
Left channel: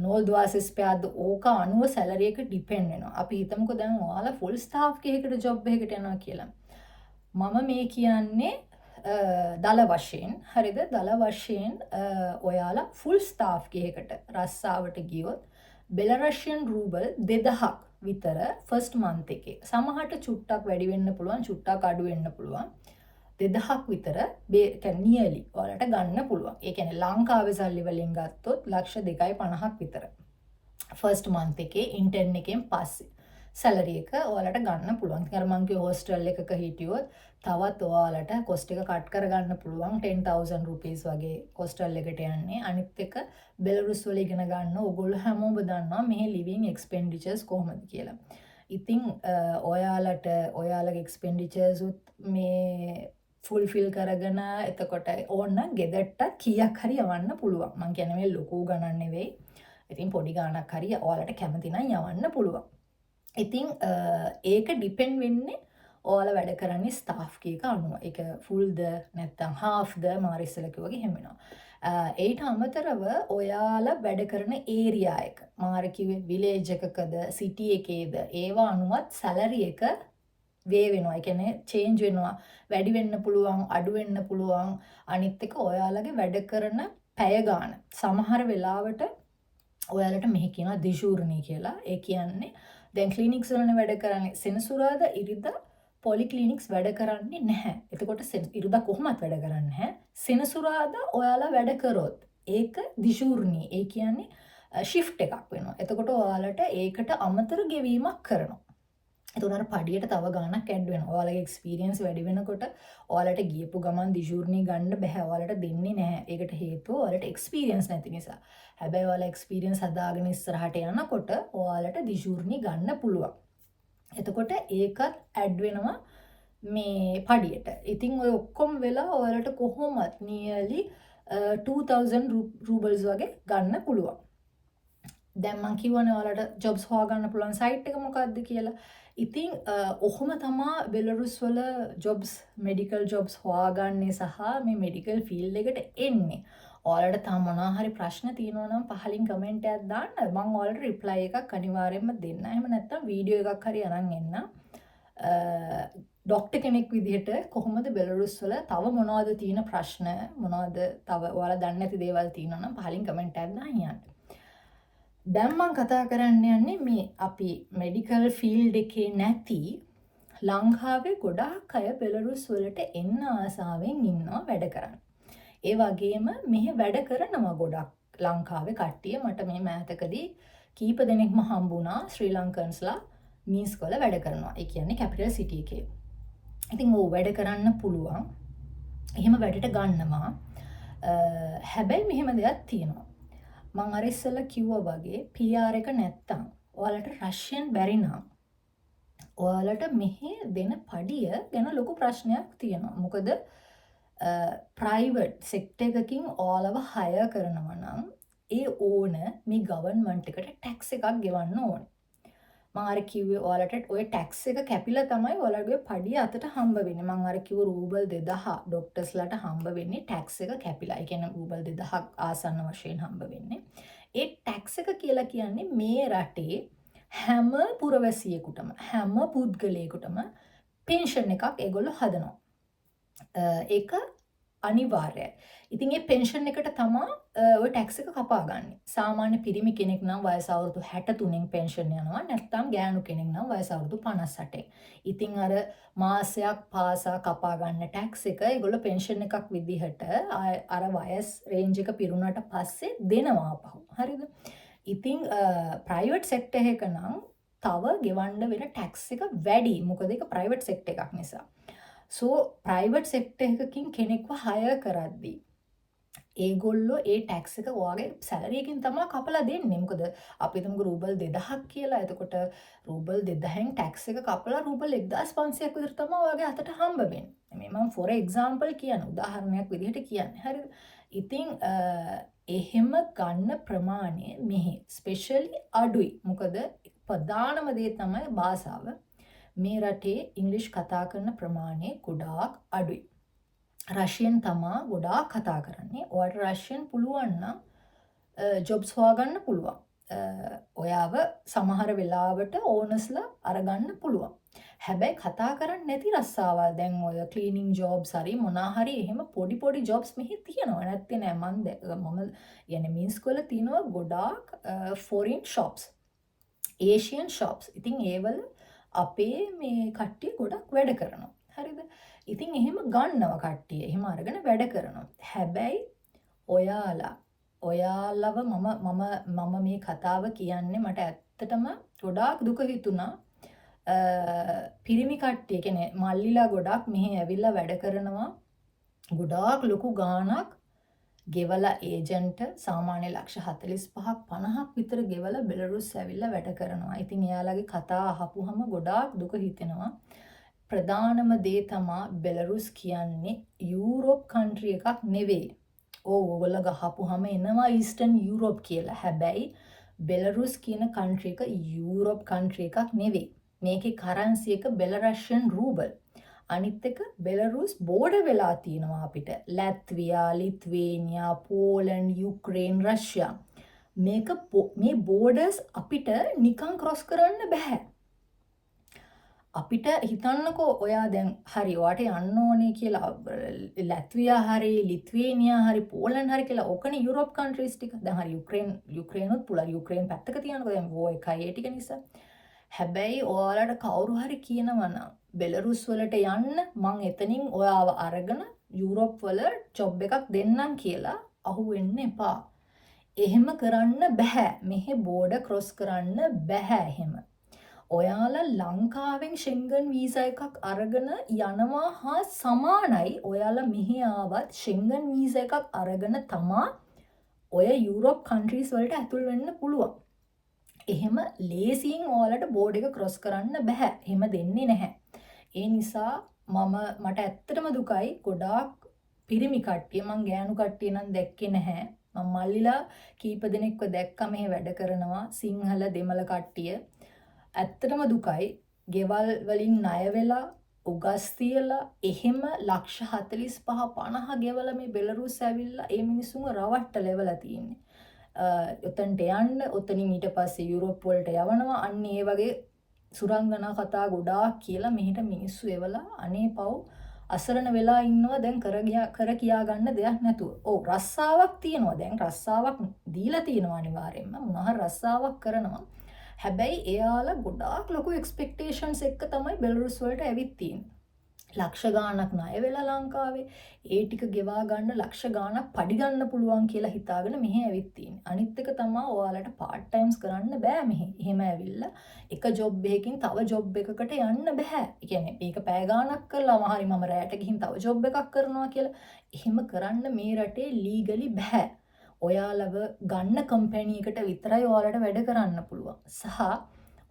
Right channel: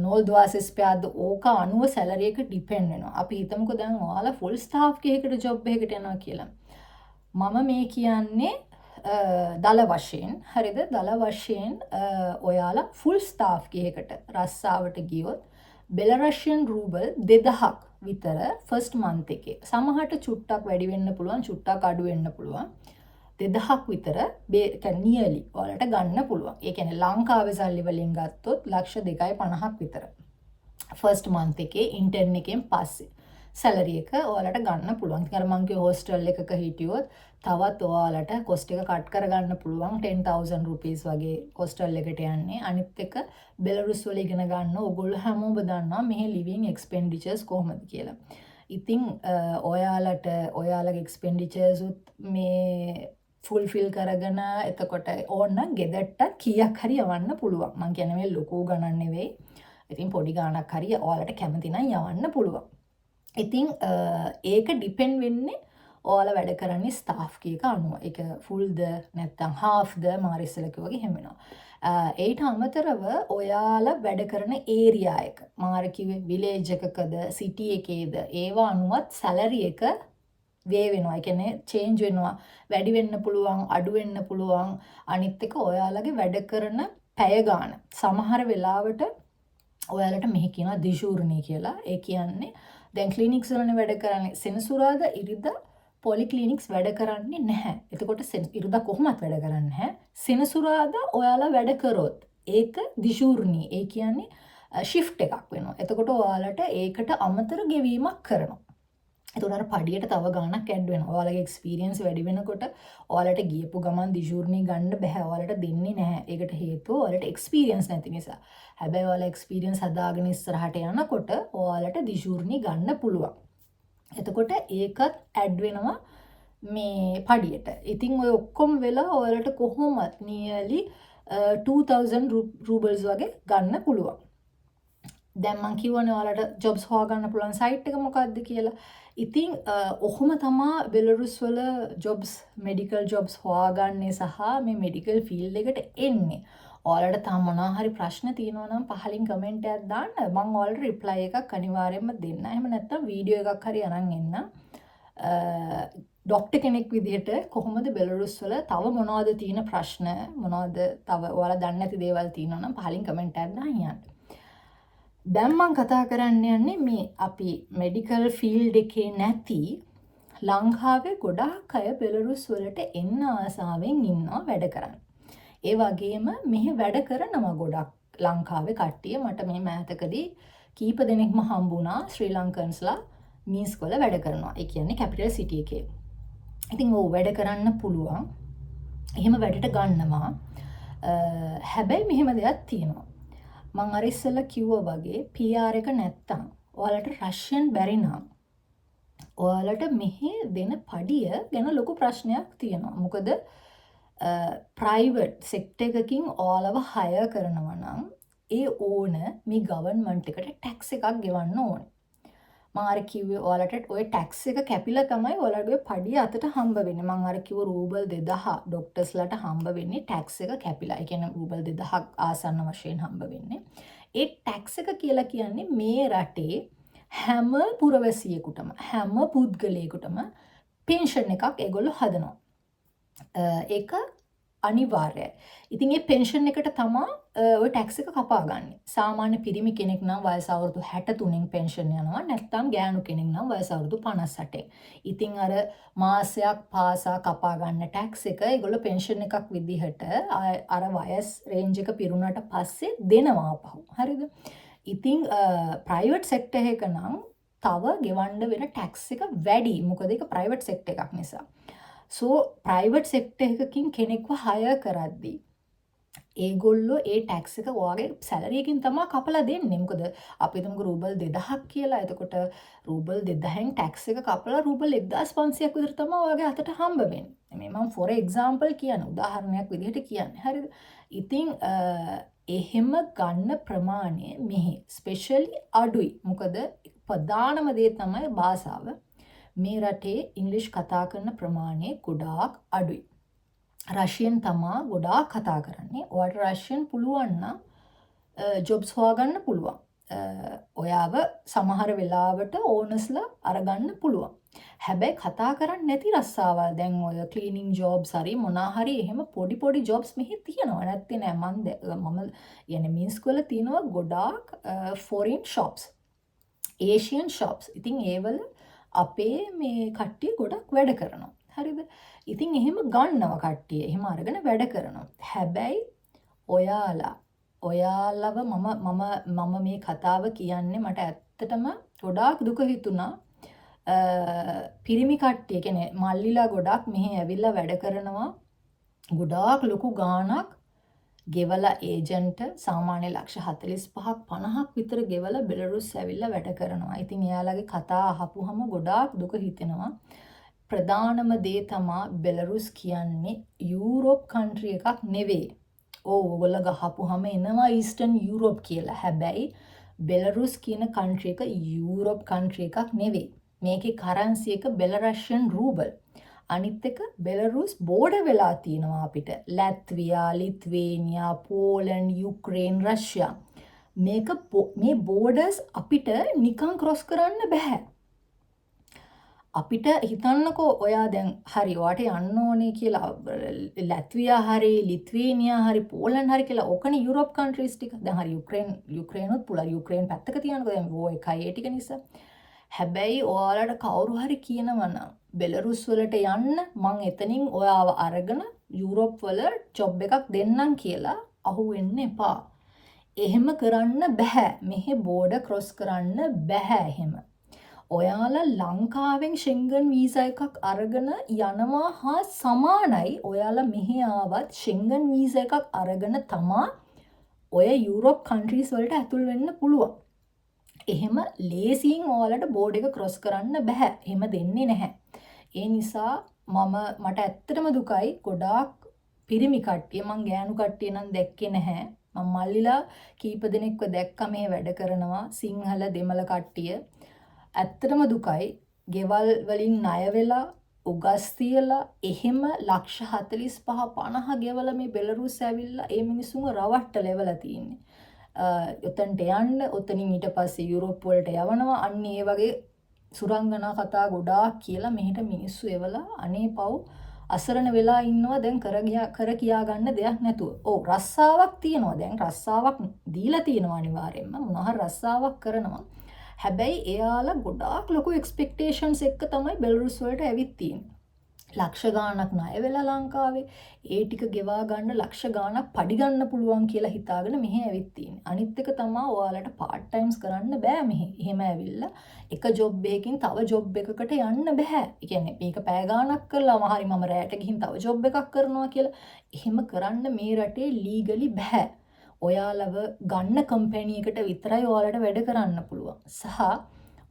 නෝල් දුවාසිස් පෑද්ද ඕක අනුව සැලරි එක ඩිපෙන්ඩ් වෙනවා. අපි හිතමුකෝ දැන් ඔයාලා ෆුල් ස්ටාෆ් එකකට ජොබ් එකකට යනවා කියලා. මම මේ කියන්නේ දල වශයෙන් හරිද? දල වශයෙන් ඔයාලා ෆුල් ස්ටාෆ් එකකට රස්සාවට ගියොත් බෙලරෂියන් රූබල් 2000ක් විතර ෆස්ට් මන්ත් එකේ. සමහරට චුට්ටක් වැඩි වෙන්න පුළුවන්, චුට්ටක් අඩු වෙන්න පුළුවන්. 2000ක් විතර නියලි ඔයාලට ගන්න පුළුවන්. ඒ කියන්නේ ලංකාවේ සල්ලි වලින් ගත්තොත් ලක්ෂ 2.50ක් විතර. ෆස්ට් මන්ත් එකේ ඉන්ටර්න් එකෙන් පස්සේ සැලරි එක ඔයාලට ගන්න පුළුවන්. ඉතින් අර මං කිය හොස්ටල් එකක හිටියොත් තවත් ඔයාලට කොස්ට් එක කට් කරගන්න පුළුවන් 10,000 rupees වගේ හොස්ටල් එකට යන්නේ. අනිත් එක බෙලරුස් වල ඉගෙන ගන්න ඕගොල්ලෝ හැමෝම දන්නවා මෙහි ලිවිං එක්ස්පෙන්ඩිචර්ස් කොහොමද කියලා. ඉතින් ඔයාලට ඔයාලගේ එක්ස්පෙන්ඩිචර්ස් උත් මේ ෆුල්ෆිල් කරගෙන එතකොට ඕන්න ගෙදරට කීයක් හරි යවන්න පුළුවන්. මං කියන්නේ මේ ලොකු ගණන් නෙවෙයි. ඉතින් පොඩි ගාණක් හරි ඔයාලට කැමති නම් යවන්න පුළුවන්. ඉතින් ඒක ඩිපෙන්ඩ් වෙන්නේ ඔයාලා වැඩ කරන්නේ ස්ටාෆ් කීක අනුව. ඒක ෆුල්ද නැත්නම් හාෆ්ද මාරිස්සල කිව්වගේ හැම වෙනවා. ඒට අමතරව ඔයාලා වැඩ කරන ඒරියා එක මාර කිව්වේ විලේජ් එකකද සිටි එකේද ඒවා අනුවත් සැලරි එක වේ වෙනවා. ඒ කියන්නේ චේන්ජ් වෙනවා. වැඩි වෙන්න පුළුවන්, අඩු වෙන්න පුළුවන්. අනිත් එක ඔයාලගේ වැඩ කරන පැය ගාන. සමහර වෙලාවට ඔයාලට මෙහි කියනවා දිශූර්ණී කියලා. ඒ කියන්නේ දැන් ක්ලිනික්ස් වලනේ වැඩ කරන්නේ සෙනසුරාදා ඉරිදා පොලි ක්ලිනික්ස් වැඩ කරන්නේ නැහැ. එතකොට ඉරිදා කොහොමත් වැඩ කරන්නේ නැහැ. සෙනසුරාදා ඔයාලා වැඩ කරොත් ඒක දිශූර්ණී. ඒ කියන්නේ ෂිෆ්ට් එකක් වෙනවා. එතකොට ඔයාලට ඒකට අමතර ගෙවීමක් කරනවා. එතකොට අර පඩියට තව ගාණක් ඇඩ් වෙනවා. ඔයාලගේ එක්ස්පීරියන්ස් වැඩි වෙනකොට ඔයාලට ගියපු ගමන් දිශූර්ණී ගන්න බෑ. ඔයාලට දෙන්නේ නැහැ. ඒකට හේතුව ඔයාලට එක්ස්පීරියන්ස් නැති නිසා. හැබැයි ඔයාලා එක්ස්පීරියන්ස් හදාගෙන ඉස්සරහට යනකොට ඔයාලට දිශූර්ණී ගන්න පුළුවන්. එතකොට ඒකත් ඇඩ් වෙනවා මේ පඩියට. ඉතින් ඔය ඔක්කොම වෙලා ඔයාලට කොහොමත් නියලි 2000 රූබල්ස් වගේ ගන්න පුළුවන්. දැන් මං කියවනේ ඔයාලට ජොබ්ස් හොයාගන්න පුළුවන් සයිට් එක මොකක්ද කියලා. ඉතින් ඔහොම තමා බෙලරුස් වල ජොබ්ස් මෙඩිකල් ජොබ්ස් හොයාගන්නේ සහ මේ මෙඩිකල් ෆීල්ඩ් එකට එන්නේ. ඔයාලට තාම මොනවා හරි ප්‍රශ්න තියෙනවා නම් පහලින් කමෙන්ට් එකක් දාන්න. මම ඔයාලට රිප්ලයි එකක් අනිවාර්යයෙන්ම දෙන්න. එහෙම නැත්නම් වීඩියෝ එකක් හරි අරන් එන්න. ડોක්ටර් කෙනෙක් විදිහට කොහොමද බෙලරුස් වල තව මොනවද තියෙන ප්‍රශ්න මොනවද තව ඔයාලා දන්නේ නැති දේවල් තියෙනවා නම් පහලින් කමෙන්ට් එකක් දාන්න යන්න. දැන් මම කතා කරන්න යන්නේ මේ අපි මෙඩිකල් ෆීල්ඩ් එකේ නැති ලංකාවේ ගොඩාක් අය බෙලරුස් වලට එන්න ආසාවෙන් ඉන්නවා වැඩ කරන්න. ඒ වගේම මෙහි වැඩ කරනවා ගොඩක් ලංකාවේ කට්ටිය. මට මේ මෑතකදී කීප දෙනෙක්ම හම්බුණා ශ්‍රී ලංකන්ස්ලා මීස් වල වැඩ කරනවා. ඒ කියන්නේ කැපිටල් සිටි එකේ. ඉතින් ඔව් වැඩ කරන්න පුළුවන්. එහෙම වැඩට ගන්නවා. හැබැයි මෙහෙම දෙයක් තියෙනවා. මං අර ඉස්සෙල්ලා කිව්වා වගේ PR එක නැත්තම් ඔයාලට රෂියන් බැරි නම් ඔයාලට මෙහි දෙන පඩිය ගැන ලොකු ප්‍රශ්නයක් තියෙනවා. මොකද ප්‍රයිවට් සෙක්ටර් එකකින් ඔයාලව හයර් කරනවා නම් ඒ ඕන මේ ගවර්න්මන්ට් එකට ටැක්ස් එකක් ගෙවන්න ඕනේ. මම අර කිව්වේ ඔයාලට ඔය ටැක්ස් එක කැපිලා තමයි ඔයාලගේ පඩිය අතට හම්බ වෙන්නේ. මම අර කිව්ව රූබල් 2000 ડોක්ටර්ස්ලාට හම්බ වෙන්නේ ටැක්ස් එක කැපිලා. ඒ කියන්නේ රූබල් 2000ක් ආසන්න වශයෙන් හම්බ වෙන්නේ. ඒ ටැක්ස් එක කියලා කියන්නේ මේ රටේ හැම පුරවැසියෙකුටම හැම පුද්ගලයෙකුටම පෙන්ෂන් එකක් ඒගොල්ලෝ හදනවා. ඒක අනිවාර්යයි. ඉතින් මේ පෙන්ෂන් එකට තමයි ඔය ටැක්ස් එක කපා ගන්න. සාමාන්‍ය පිරිමි කෙනෙක් නම් වයස අවුරුදු 63න් පෙන්ෂන් යනවා. නැත්නම් ගෑනු කෙනෙක් නම් වයස අවුරුදු 58න්. ඉතින් අර මාසයක් පාසා කපා ගන්න ටැක්ස් එක ඒගොල්ලෝ පෙන්ෂන් එකක් විදිහට අර වයස් රේන්ජ් එක පිරුණාට පස්සේ දෙනවා අපහු. හරිද? ඉතින් ප්‍රයිවට් සෙක්ටර් එක නම් තව ගෙවන්න වෙන ටැක්ස් එක වැඩි. මොකද ඒක ප්‍රයිවට් සෙක්ටර් එකක් නිසා. ප්‍රයිවට් සෙක්ටර් එකකින් කෙනෙක්ව හයර් කරද්දී ඒගොල්ලෝ ඒ ටැක්ස් එක ඔයාගේ සැලරි එකෙන් තමයි කපලා දෙන්නේ. මොකද අපි හිතමුකෝ රූබල් 2000ක් කියලා. එතකොට රූබල් 2000න් ටැක්ස් එක කපලා රූබල් 1500ක් විතර තමයි ඔයාගේ අතට හම්බ වෙන්නේ. මේ මම for example කියන උදාහරණයක් විදිහට කියන්නේ. හරිද? ඉතින් එහෙම ගන්න ප්‍රමාණය මෙහි ස්පෙෂලි අඩුයි. මොකද ප්‍රධානම දේ තමයි භාෂාව. මේ රටේ ඉංග්‍රීසි කතා කරන ප්‍රමාණය ගොඩාක් අඩුයි. රෂියන් තමා ගොඩාක් කතා කරන්නේ. ඔයාට රෂියන් පුළුවන් නම් ජොබ්ස් හොයාගන්න පුළුවන්. ඔයාව සමහර වෙලාවට ඕනස්ලා අරගන්න පුළුවන්. හැබැයි කතා කරන්නේ නැති රස්සාවල් දැන් ඔය ක්ලීනින් ජොබ්ස් හරි මොනා හරි එහෙම පොඩි ජොබ්ස් මෙහි තියෙනවා. නැත්තේ නෑ මම යන්නේ මින්ස්ක් වල තියෙනවා ගොඩාක් ෆොරින් shops. Asian shops. ඉතින් ඒවල අපේ මේ කට්ටිය ගොඩක් වැඩ කරනවා. හරිද? ඉතින් එහෙම ගන්නවා කට්ටිය. එහෙම අරගෙන වැඩ කරනවා. හැබැයි ඔයාලව මම මේ කතාව කියන්නේ මට ඇත්තටම ගොඩාක් දුක හිතුණා. පිරිමි කට්ටිය කියන්නේ මල්ලිලා ගොඩක් මෙහි ඇවිල්ලා වැඩ කරනවා. ගොඩාක් ලොකු ගාණක් ගෙවලා ඒජන්ට් සාමාන්‍ය ලක්ෂ 45ක් 50ක් විතර ගෙවලා බෙලරුස් ඇවිල්ලා වැඩ කරනවා. ඉතින් එයාලගේ කතා අහපුවම ගොඩාක් දුක හිතෙනවා. ප්‍රධානම දේ තමා බෙලරුස් කියන්නේ යුරෝප් කන්ට්‍රි එකක් නෙවෙයි. ඕගොල්ලෝ ගහපුවම එනවා ඊස්ටර්න් යුරෝප් කියලා. හැබැයි බෙලරුස් කියන කන්ට්‍රි එක යුරෝප් කන්ට්‍රි එකක් නෙවෙයි. මේකේ කරන්සි එක බෙලරෂියන් රූබල්. අනිත් එක බෙලරුස් බෝඩර් වෙලා තියෙනවා අපිට. ලැත්වියා, ලිත්වේනියා, පෝලන්ඩ්, යුක්‍රේන්, රෂ්යා. මේ බෝඩර්ස් අපිට නිකන් ක්‍රොස් කරන්න බෑ. අපිට හිතන්නකෝ ඔයා දැන් හරි ඔයාට යන්න ඕනේ කියලා ලැත්වියා හරි ලිත්වේනියා හරි පෝලන්ඩ් හරි කියලා ඕකනේ යුරෝප් කන්ට්‍රීස් ටික. දැන් හරි යුක්‍රේනුත් පුළුවන්. යුක්‍රේන් පැත්තක තියනකෝ දැන් වෝ එකයි ඒ ටික නිසා. හැබැයි ඔයාලට කවුරු හරි කියනවා නම් බෙලරුස් වලට යන්න මං එතනින් ඔයාව අරගෙන යුරෝප් වල ජොබ් එකක් දෙන්නම් කියලා අහුවෙන්න එපා. එහෙම කරන්න බෑ. මෙහෙ බෝඩර් ක්‍රොස් කරන්න බෑ එහෙම. ඔයාලා ලංකාවෙන් ෂෙන්ගන් වීසා එකක් අරගෙන යනවා හා සමානයි. ඔයාලා මෙහි ආවත් ෂෙන්ගන් වීසා එකක් අරගෙන තමා ඔය යුරෝප් කන්ට්‍රීස් වලට ඇතුල් වෙන්න පුළුවන්. එහෙම ලේසියෙන් ඔයාලට බෝඩ් එක ක්‍රොස් කරන්න බෑ. එහෙම දෙන්නේ නැහැ. ඒ නිසා මට ඇත්තටම දුකයි ගොඩාක් පිරිමි කට්ටිය මං ගෑනු කට්ටිය නම් දැක්කේ නැහැ. මම මල්ලිලා කීප දෙනෙක්ව දැක්කම මේ වැඩ කරනවා සිංහල දෙමළ කට්ටිය. ඇත්තටම දුකයි. ගෙවල් වලින් ණය වෙලා උගස් තියලා එහෙම ලක්ෂ 45 50 ගෙවලා මේ බෙලරුස් ඇවිල්ලා ඒ මිනිස්සුන්ව රවට්ට ලෙවලා තියෙන්නේ. උතන්ට යන්න උතනින් ඊට පස්සේ යුරෝප් වලට යවනවා. අන්න ඒ වගේ සුරංගනා කතා ගොඩාක් කියලා මෙහෙට මිනිස්සු එවලා අනේ පව් අසරණ වෙලා ඉන්නවා දැන් කර කියා ගන්න දෙයක් නැතුව. ඔව් රස්සාවක් තියෙනවා. දැන් රස්සාවක් දීලා තියෙනවා අනිවාර්යෙන්ම. මොනවා රස්සාවක් කරනවා. හැබැයි එයාලා ගොඩාක් ලොකු එක්ස්පෙක්ටේෂන්ස් එක්ක තමයි බෙලරුස් වලට ඇවිත් තියෙන්නේ. ලක්ෂ ගාණක් ණය වෙලා ලංකාවේ ඒ ටික ගෙවා ගන්න ලක්ෂ ගාණක් පඩි ගන්න පුළුවන් කියලා හිතාගෙන මෙහෙ ඇවිත් තියෙන්නේ. අනිත් එක තමයි ඔයාලට පාර්ට් ටයිම්ස් කරන්න බෑ මෙහෙ. එහෙම ඇවිල්ලා එක ජොබ් එකකින් තව ජොබ් එකකට යන්න බෑ. ඒ කියන්නේ මේක පැය ගාණක් කරලාම හරි මම රැයට ගිහින් තව ජොබ් එකක් කරනවා කියලා එහෙම කරන්න මේ රටේ ලීගලි බෑ. ඔයාලව ගන්න කම්පැනි එකට විතරයි ඔයාලට වැඩ කරන්න පුළුවන්. සහ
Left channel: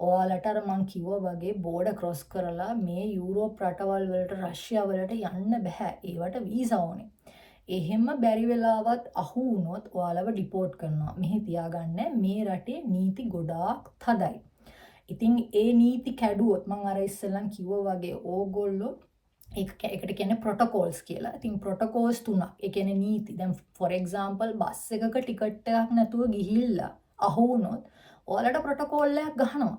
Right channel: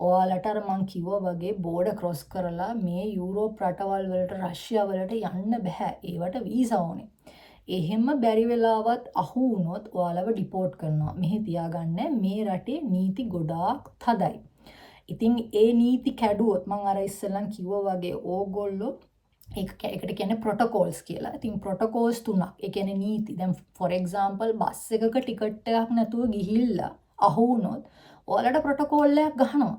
ඔයාලට අර මං කිව්වා වගේ බෝඩර් ක්‍රොස් කරලා මේ යුරෝප් රටවල් වලට රෂ්‍යා වලට යන්න බෑ. ඒවට වීසා ඕනේ. එහෙම බැරි වෙලාවත් අහු වුණොත් ඔයාලව ඩිපෝට් කරනවා. මෙහෙ තියාගන්න මේ රටේ නීති ගොඩාක් තදයි. ඉතින් ඒ නීති කැඩුවොත් මං අර ඉස්සෙල්ලන් කිව්වා වගේ ඕගොල්ලෝ ඒකට කියන්නේ ප්‍රොටෝකෝල්ස් කියලා. ඉතින් ප්‍රොටෝකෝල්ස් තුනක්. ඒ කියන්නේ නීති. දැන් for example බස් එකක ටිකට් එකක් නැතුව ගිහිල්ලා අහු වුණොත් ඔයාලට ප්‍රොටෝකෝල් එකක් ගහනවා.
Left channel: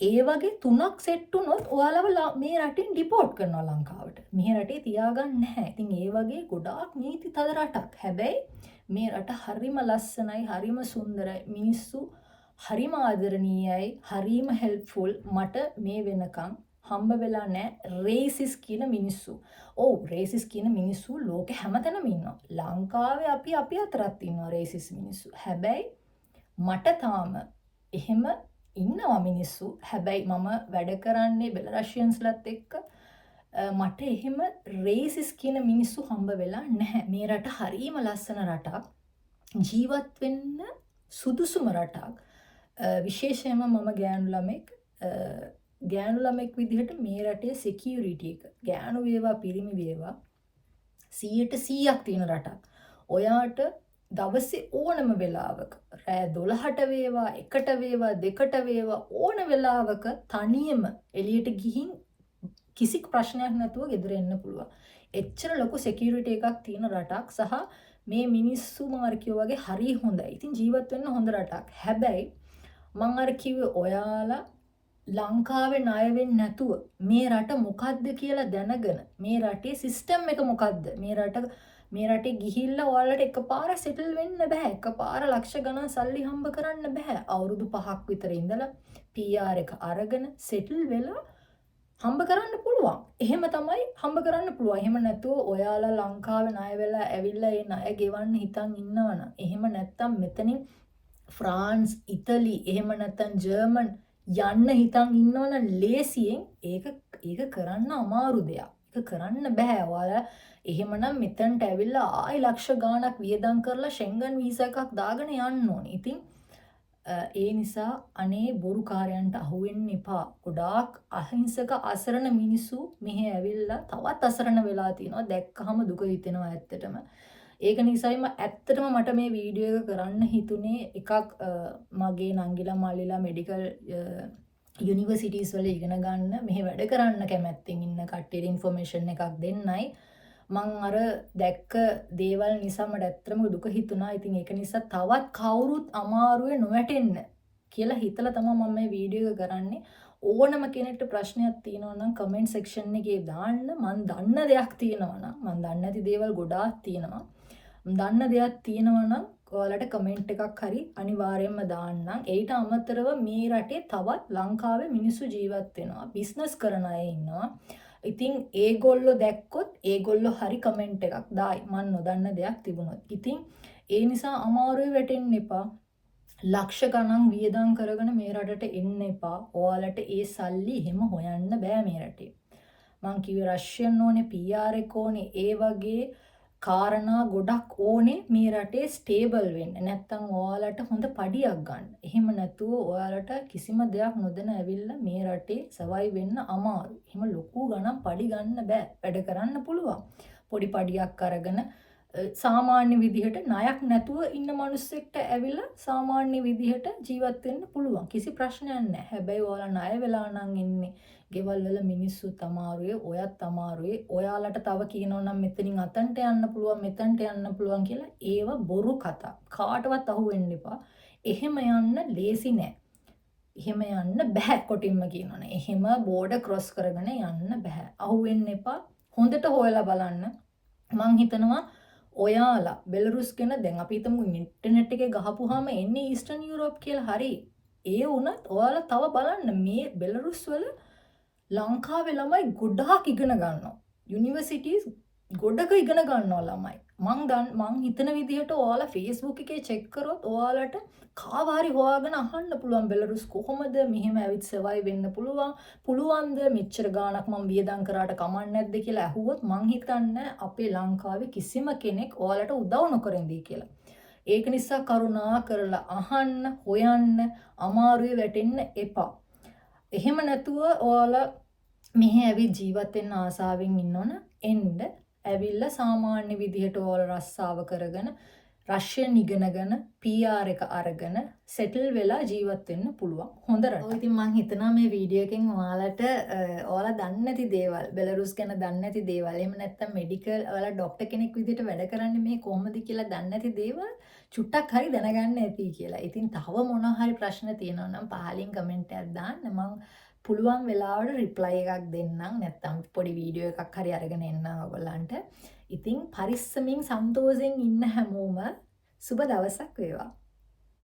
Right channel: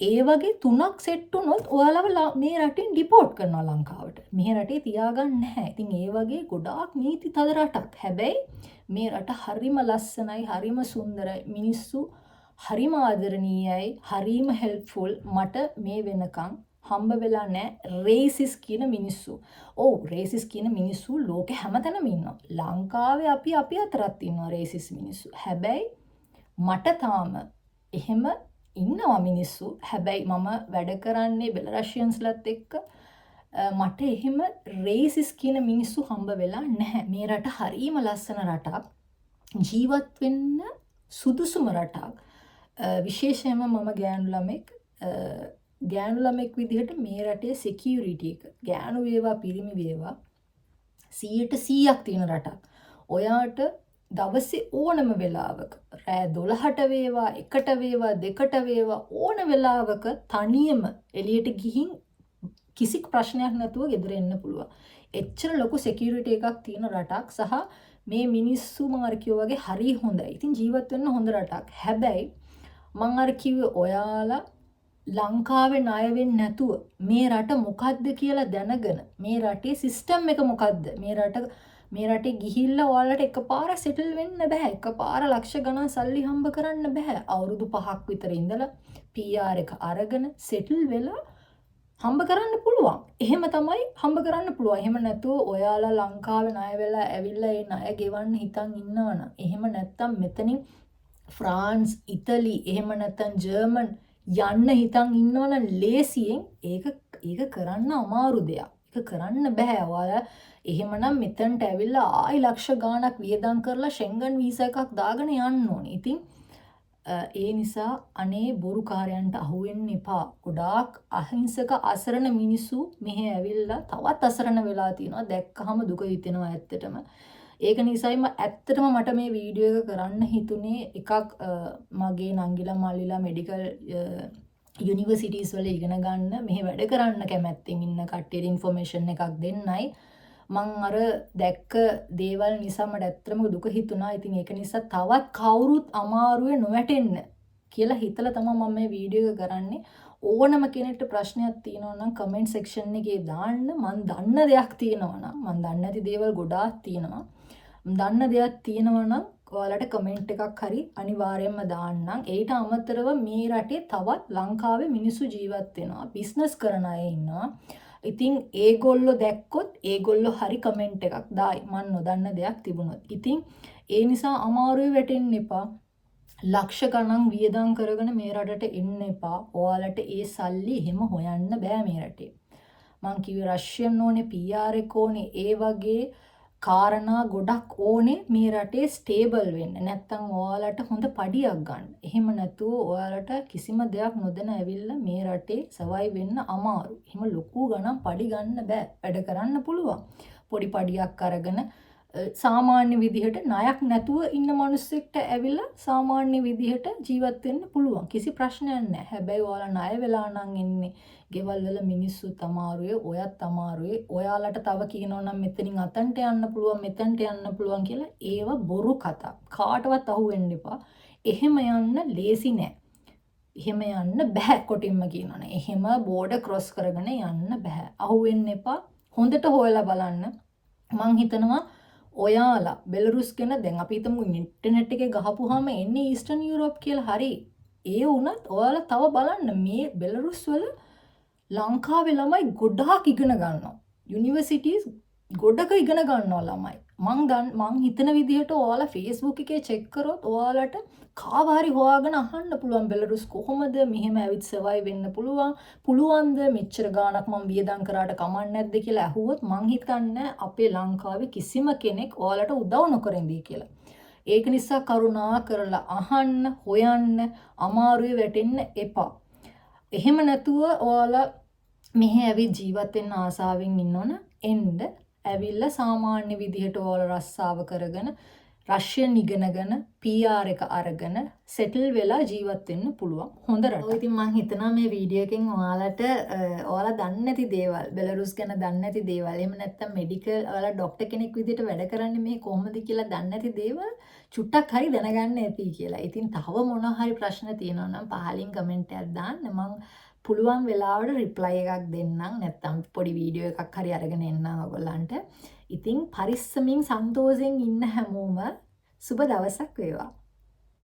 ඒ වගේ තුනක් සෙට් වුණොත් ඔයාලව මේ රටින් ඩිපෝට් කරනවා ලංකාවට. මේ රටේ තියාගන්න නැහැ. ඉතින් ඒ වගේ ගොඩාක් නීති තද රටක්. හැබැයි මේ රට හරිම ලස්සනයි, හරිම සුන්දරයි. මිනිස්සු හරිම ආදරණීයයි, හරිම හෙල්ප්ෆුල්. මට මේ වෙනකන් හම්බ වෙලා නැහැ රේසිස් කියන මිනිස්සු. ඔව් රේසිස් කියන මිනිස්සු ලෝකෙ හැමතැනම ඉන්නවා. ලංකාවේ අපි අතරත් ඉන්නවා රේසිස් මිනිස්සු. හැබැයි මට තාම එහෙම ඉන්නවා මිනිස්සු. හැබැයි මම වැඩ කරන්නේ බෙලරෂියන්ස්ලත් එක්ක මට එහෙම රේසිස් කියන මිනිස්සු හම්බ වෙලා නැහැ. මේ රට හරීම ලස්සන රටක්. ජීවත් වෙන්න සුදුසුම රටක්. විශේෂයෙන්ම මම ගෑනු ළමෙක් විදිහට මේ රටේ සිකියුරිටි එක ගෑනු වේවා පිරිමි වේවා 100% තියෙන රටක්. ඔයාට දවසේ ඕනම වෙලාවක රෑ 12ට වේවා 1ට වේවා 2ට වේවා ඕන වෙලාවක තනියම එළියට ගිහින් කිසි ප්‍රශ්නයක් නැතුව ගෙදර එන්න පුළුවන්. එච්චර ලොකු සිකියුරිටි එකක් තියෙන රටක් සහ මේ මිනිස්සු මාර්කියෝ වගේ හරි හොඳයි. ඉතින් ජීවත් වෙන්න හොඳ රටක්. හැබැයි මං අර කිව්වේ ඔයාලා ලංකාවේ ණය වෙන්නේ නැතුව මේ රට මොකද්ද කියලා දැනගෙන මේ රටේ සිස්ටම් එක මොකද්ද? මේ රටේ ගිහිල්ලා ඔයාලට එකපාර සෙටල් වෙන්න බෑ. එකපාර ලක්ෂ ගණන් සල්ලි හම්බ කරන්න බෑ. අවුරුදු 5ක් විතර ඉඳලා PR එක අරගෙන සෙටල් වෙලා හම්බ කරන්න පුළුවන්. එහෙම තමයි හම්බ කරන්න පුළුවන්. එහෙම නැතුව ඔයාලා ලංකාවේ ණය වෙලා ඇවිල්ලා ඒ ණය ගෙවන්න හිතන් ඉන්නවනම් එහෙම නැත්තම් මෙතනින් ෆ්‍රාන්ස්, ඉතලි, එහෙම නැත්තම් ජර්මන් යන්න හිතන් ඉන්නවනම් ලේසියෙන් ඒක කරන්න අමාරු දෙයක්. ඒක කරන්න බෑ. ඔයාලා එහෙමනම් මෙතනට ඇවිල්ලා ආයි ලක්ෂ ගාණක් වියදම් කරලා ෂෙන්ගන් වීසා එකක් දාගෙන යන්න ඕනේ. ඉතින් ඒ නිසා අනේ බොරුකාරයන්ට අහු වෙන්න එපා. ගොඩාක් අහිංසක අසරණ මිනිස්සු මෙහෙ ඇවිල්ලා තවත් අසරණ වෙලා තියෙනවා. දැක්කහම දුක හිතෙනවා ඇත්තටම. ඒක නිසායිම ඇත්තටම මට මේ වීඩියෝ එක කරන්න හිතුනේ එකක් මගේ නංගිලා මල්ලිලා මෙඩිකල් යුනිවර්සිටිස් වල ඉගෙන ගන්න මෙහෙ වැඩ කරන්න කැමැත්තෙන් ඉන්න කට්ටියට ඉන්ෆර්මේෂන් එකක් දෙන්නයි. මං අර දැක්ක දේවල් නිසා මට ඇත්තටම දුක හිතුණා. ඉතින් ඒක නිසා තවත් කවුරුත් අමාරුවේ නොවැටෙන්න කියලා හිතලා තමයි මම මේ වීඩියෝ එක කරන්නේ. ඕනම කෙනෙක්ට ප්‍රශ්නයක් තියෙනවා නම් කමෙන්ට් සෙක්ෂන් එකේ දාන්න. මං දන්න දෙයක් තියෙනවා නම් මං දන්නේ නැති දේවල් ගොඩාක් තියෙනවා. දන්න දෙයක් තියෙනවා නම් ඔයාලට කමෙන්ට් එකක් හරි අනිවාර්යයෙන්ම දාන්නම්. ඒට අමතරව මේ රටේ තවත් ලංකාවේ මිනිස්සු ජීවත් වෙනවා. බිස්නස් කරන අය ඉන්නවා. ඉතින් ඒගොල්ලෝ දැක්කොත් ඒගොල්ලෝ හරි කමෙන්ට් එකක් දායි. මන් නොදන්න දෙයක් තිබුණොත්. ඉතින් ඒ නිසා අමාරුවේ වැටෙන්න එපා. ලක්ෂ ගණන් වියදම් කරගෙන මේ රටට එන්න එපා. ඔයාලට ඒ සල්ලි එහෙම හොයන්න බෑ මේ රටේ. මං කිව්වේ රෂියන් ඕනේ, PR එක ඕනේ, ඒ වගේ කාරණා ගොඩක් ඕනේ මේ රටේ ස්ටේබල් වෙන්න. නැත්තම් ඔයාලට හොඳ පඩියක් ගන්න. එහෙම නැතුව ඔයාලට කිසිම දෙයක් නොදැන ඇවිල්ලා මේ රටේ සර්වයිව් වෙන්න අමාරු. එහෙම ලොකු ගණන් පඩි ගන්න බෑ. වැඩ කරන්න පුළුවන්. පොඩි පඩියක් අරගෙන සාමාන්‍ය විදිහට ණයක් නැතුව ඉන්න මිනිස්සෙක්ට ඇවිල්ලා සාමාන්‍ය විදිහට ජීවත් වෙන්න පුළුවන්. කිසි ප්‍රශ්නයක් නැහැ. හැබැයි ඔයාලා ණය වෙලා නම් ඉන්නේ. ගෙවල් වල මිනිස්සුත් අමාරුවේ, ඔයත් අමාරුවේ. ඔයාලට තව කියනවා නම් මෙතනින් අතන්ට යන්න පුළුවන්, මෙතනට යන්න පුළුවන් කියලා ඒව බොරු කතා. කාටවත් අහු වෙන්න එපා. එහෙම යන්න ලේසි නෑ. එහෙම යන්න බෑ කොටින්ම කියනවනේ. එහෙම බෝඩර් ක්‍රොස් කරගෙන යන්න බෑ. අහු වෙන්න එපා. හොඳට හොයලා බලන්න. මං හිතනවා ඔයාලා බෙලරුස් ගැන දැන් අපි හිතමු ඉන්ටර්නෙට් එකේ ගහපුවාම එන්නේ ඊස්ටර්න් යුරෝප් කියලා. හරි. ඒ වුණත් ඔයාලා තව බලන්න මේ බෙලරුස් වල ලංකාවේ ළමයි ගොඩාක් ඉගෙන ගන්නවා. යුනිවර්සිටිස් ගොඩක ඉගෙන ගන්නවා ළමයි. මං හිතන විදිහට ඔයාලා Facebook එකේ චෙක් කරොත් ඔයාලට කාවාරි හොයාගෙන අහන්න පුළුවන් බෙලරුස් කොහොමද මෙහෙම ඇවිත් සර්වයිව් වෙන්න පුළුවන්ද මෙච්චර ගාණක් මම වියදම් කරාට කමක් නැද්ද කියලා අහුවොත් මං හිතන්නේ අපේ ලංකාවේ කිසිම කෙනෙක් ඔයාලට උදව් නොකර ඉඳී කියලා. ඒක නිසා කරුණා කරලා අහන්න, හොයන්න, අමාරුවේ වැටෙන්න එපා. එහෙම නැතුව ඔයාලා මෙහෙ ඇවිත් ජීවත් වෙන්න ආසාවෙන් ඉන්නවනම් එන්න. ඇවිල්ලා සාමාන්‍ය විදිහට ඔයාලා රස්සාව කරගෙන රෂියන් ඉගෙනගෙන PR එක අරගෙන සෙටල් වෙලා ජීවත් වෙන්න පුළුවන් හොඳ රටක්. ඔය ඉතින් මම හිතනවා මේ වීඩියෝ එකෙන් ඔයාලා දන්නේ නැති දේවල්, බෙලරුස් ගැන දන්නේ නැති දේවල්, එහෙම නැත්නම් මෙඩිකල් ඔයාලා ડોක්ටර් කෙනෙක් විදිහට වැඩ කරන්නේ මේ කොහොමද කියලා දන්නේ නැති දේවල් චුට්ටක් හරි දැනගන්න ඇති කියලා. ඉතින් තව මොනවා හරි ප්‍රශ්න තියෙනවා නම් පහලින් කමෙන්ට් එකක් දාන්න. මම පුළුවන් වෙලාවට රිප්ලයි එකක් දෙන්නම්. නැත්නම් පොඩි වීඩියෝ එකක් හරි අරගෙන එන්නම් ඔයගොල්ලන්ට. ඉතින් පරිස්සමින් සන්තෝෂෙන් ඉන්න හැමෝම සුබ දවසක් වේවා.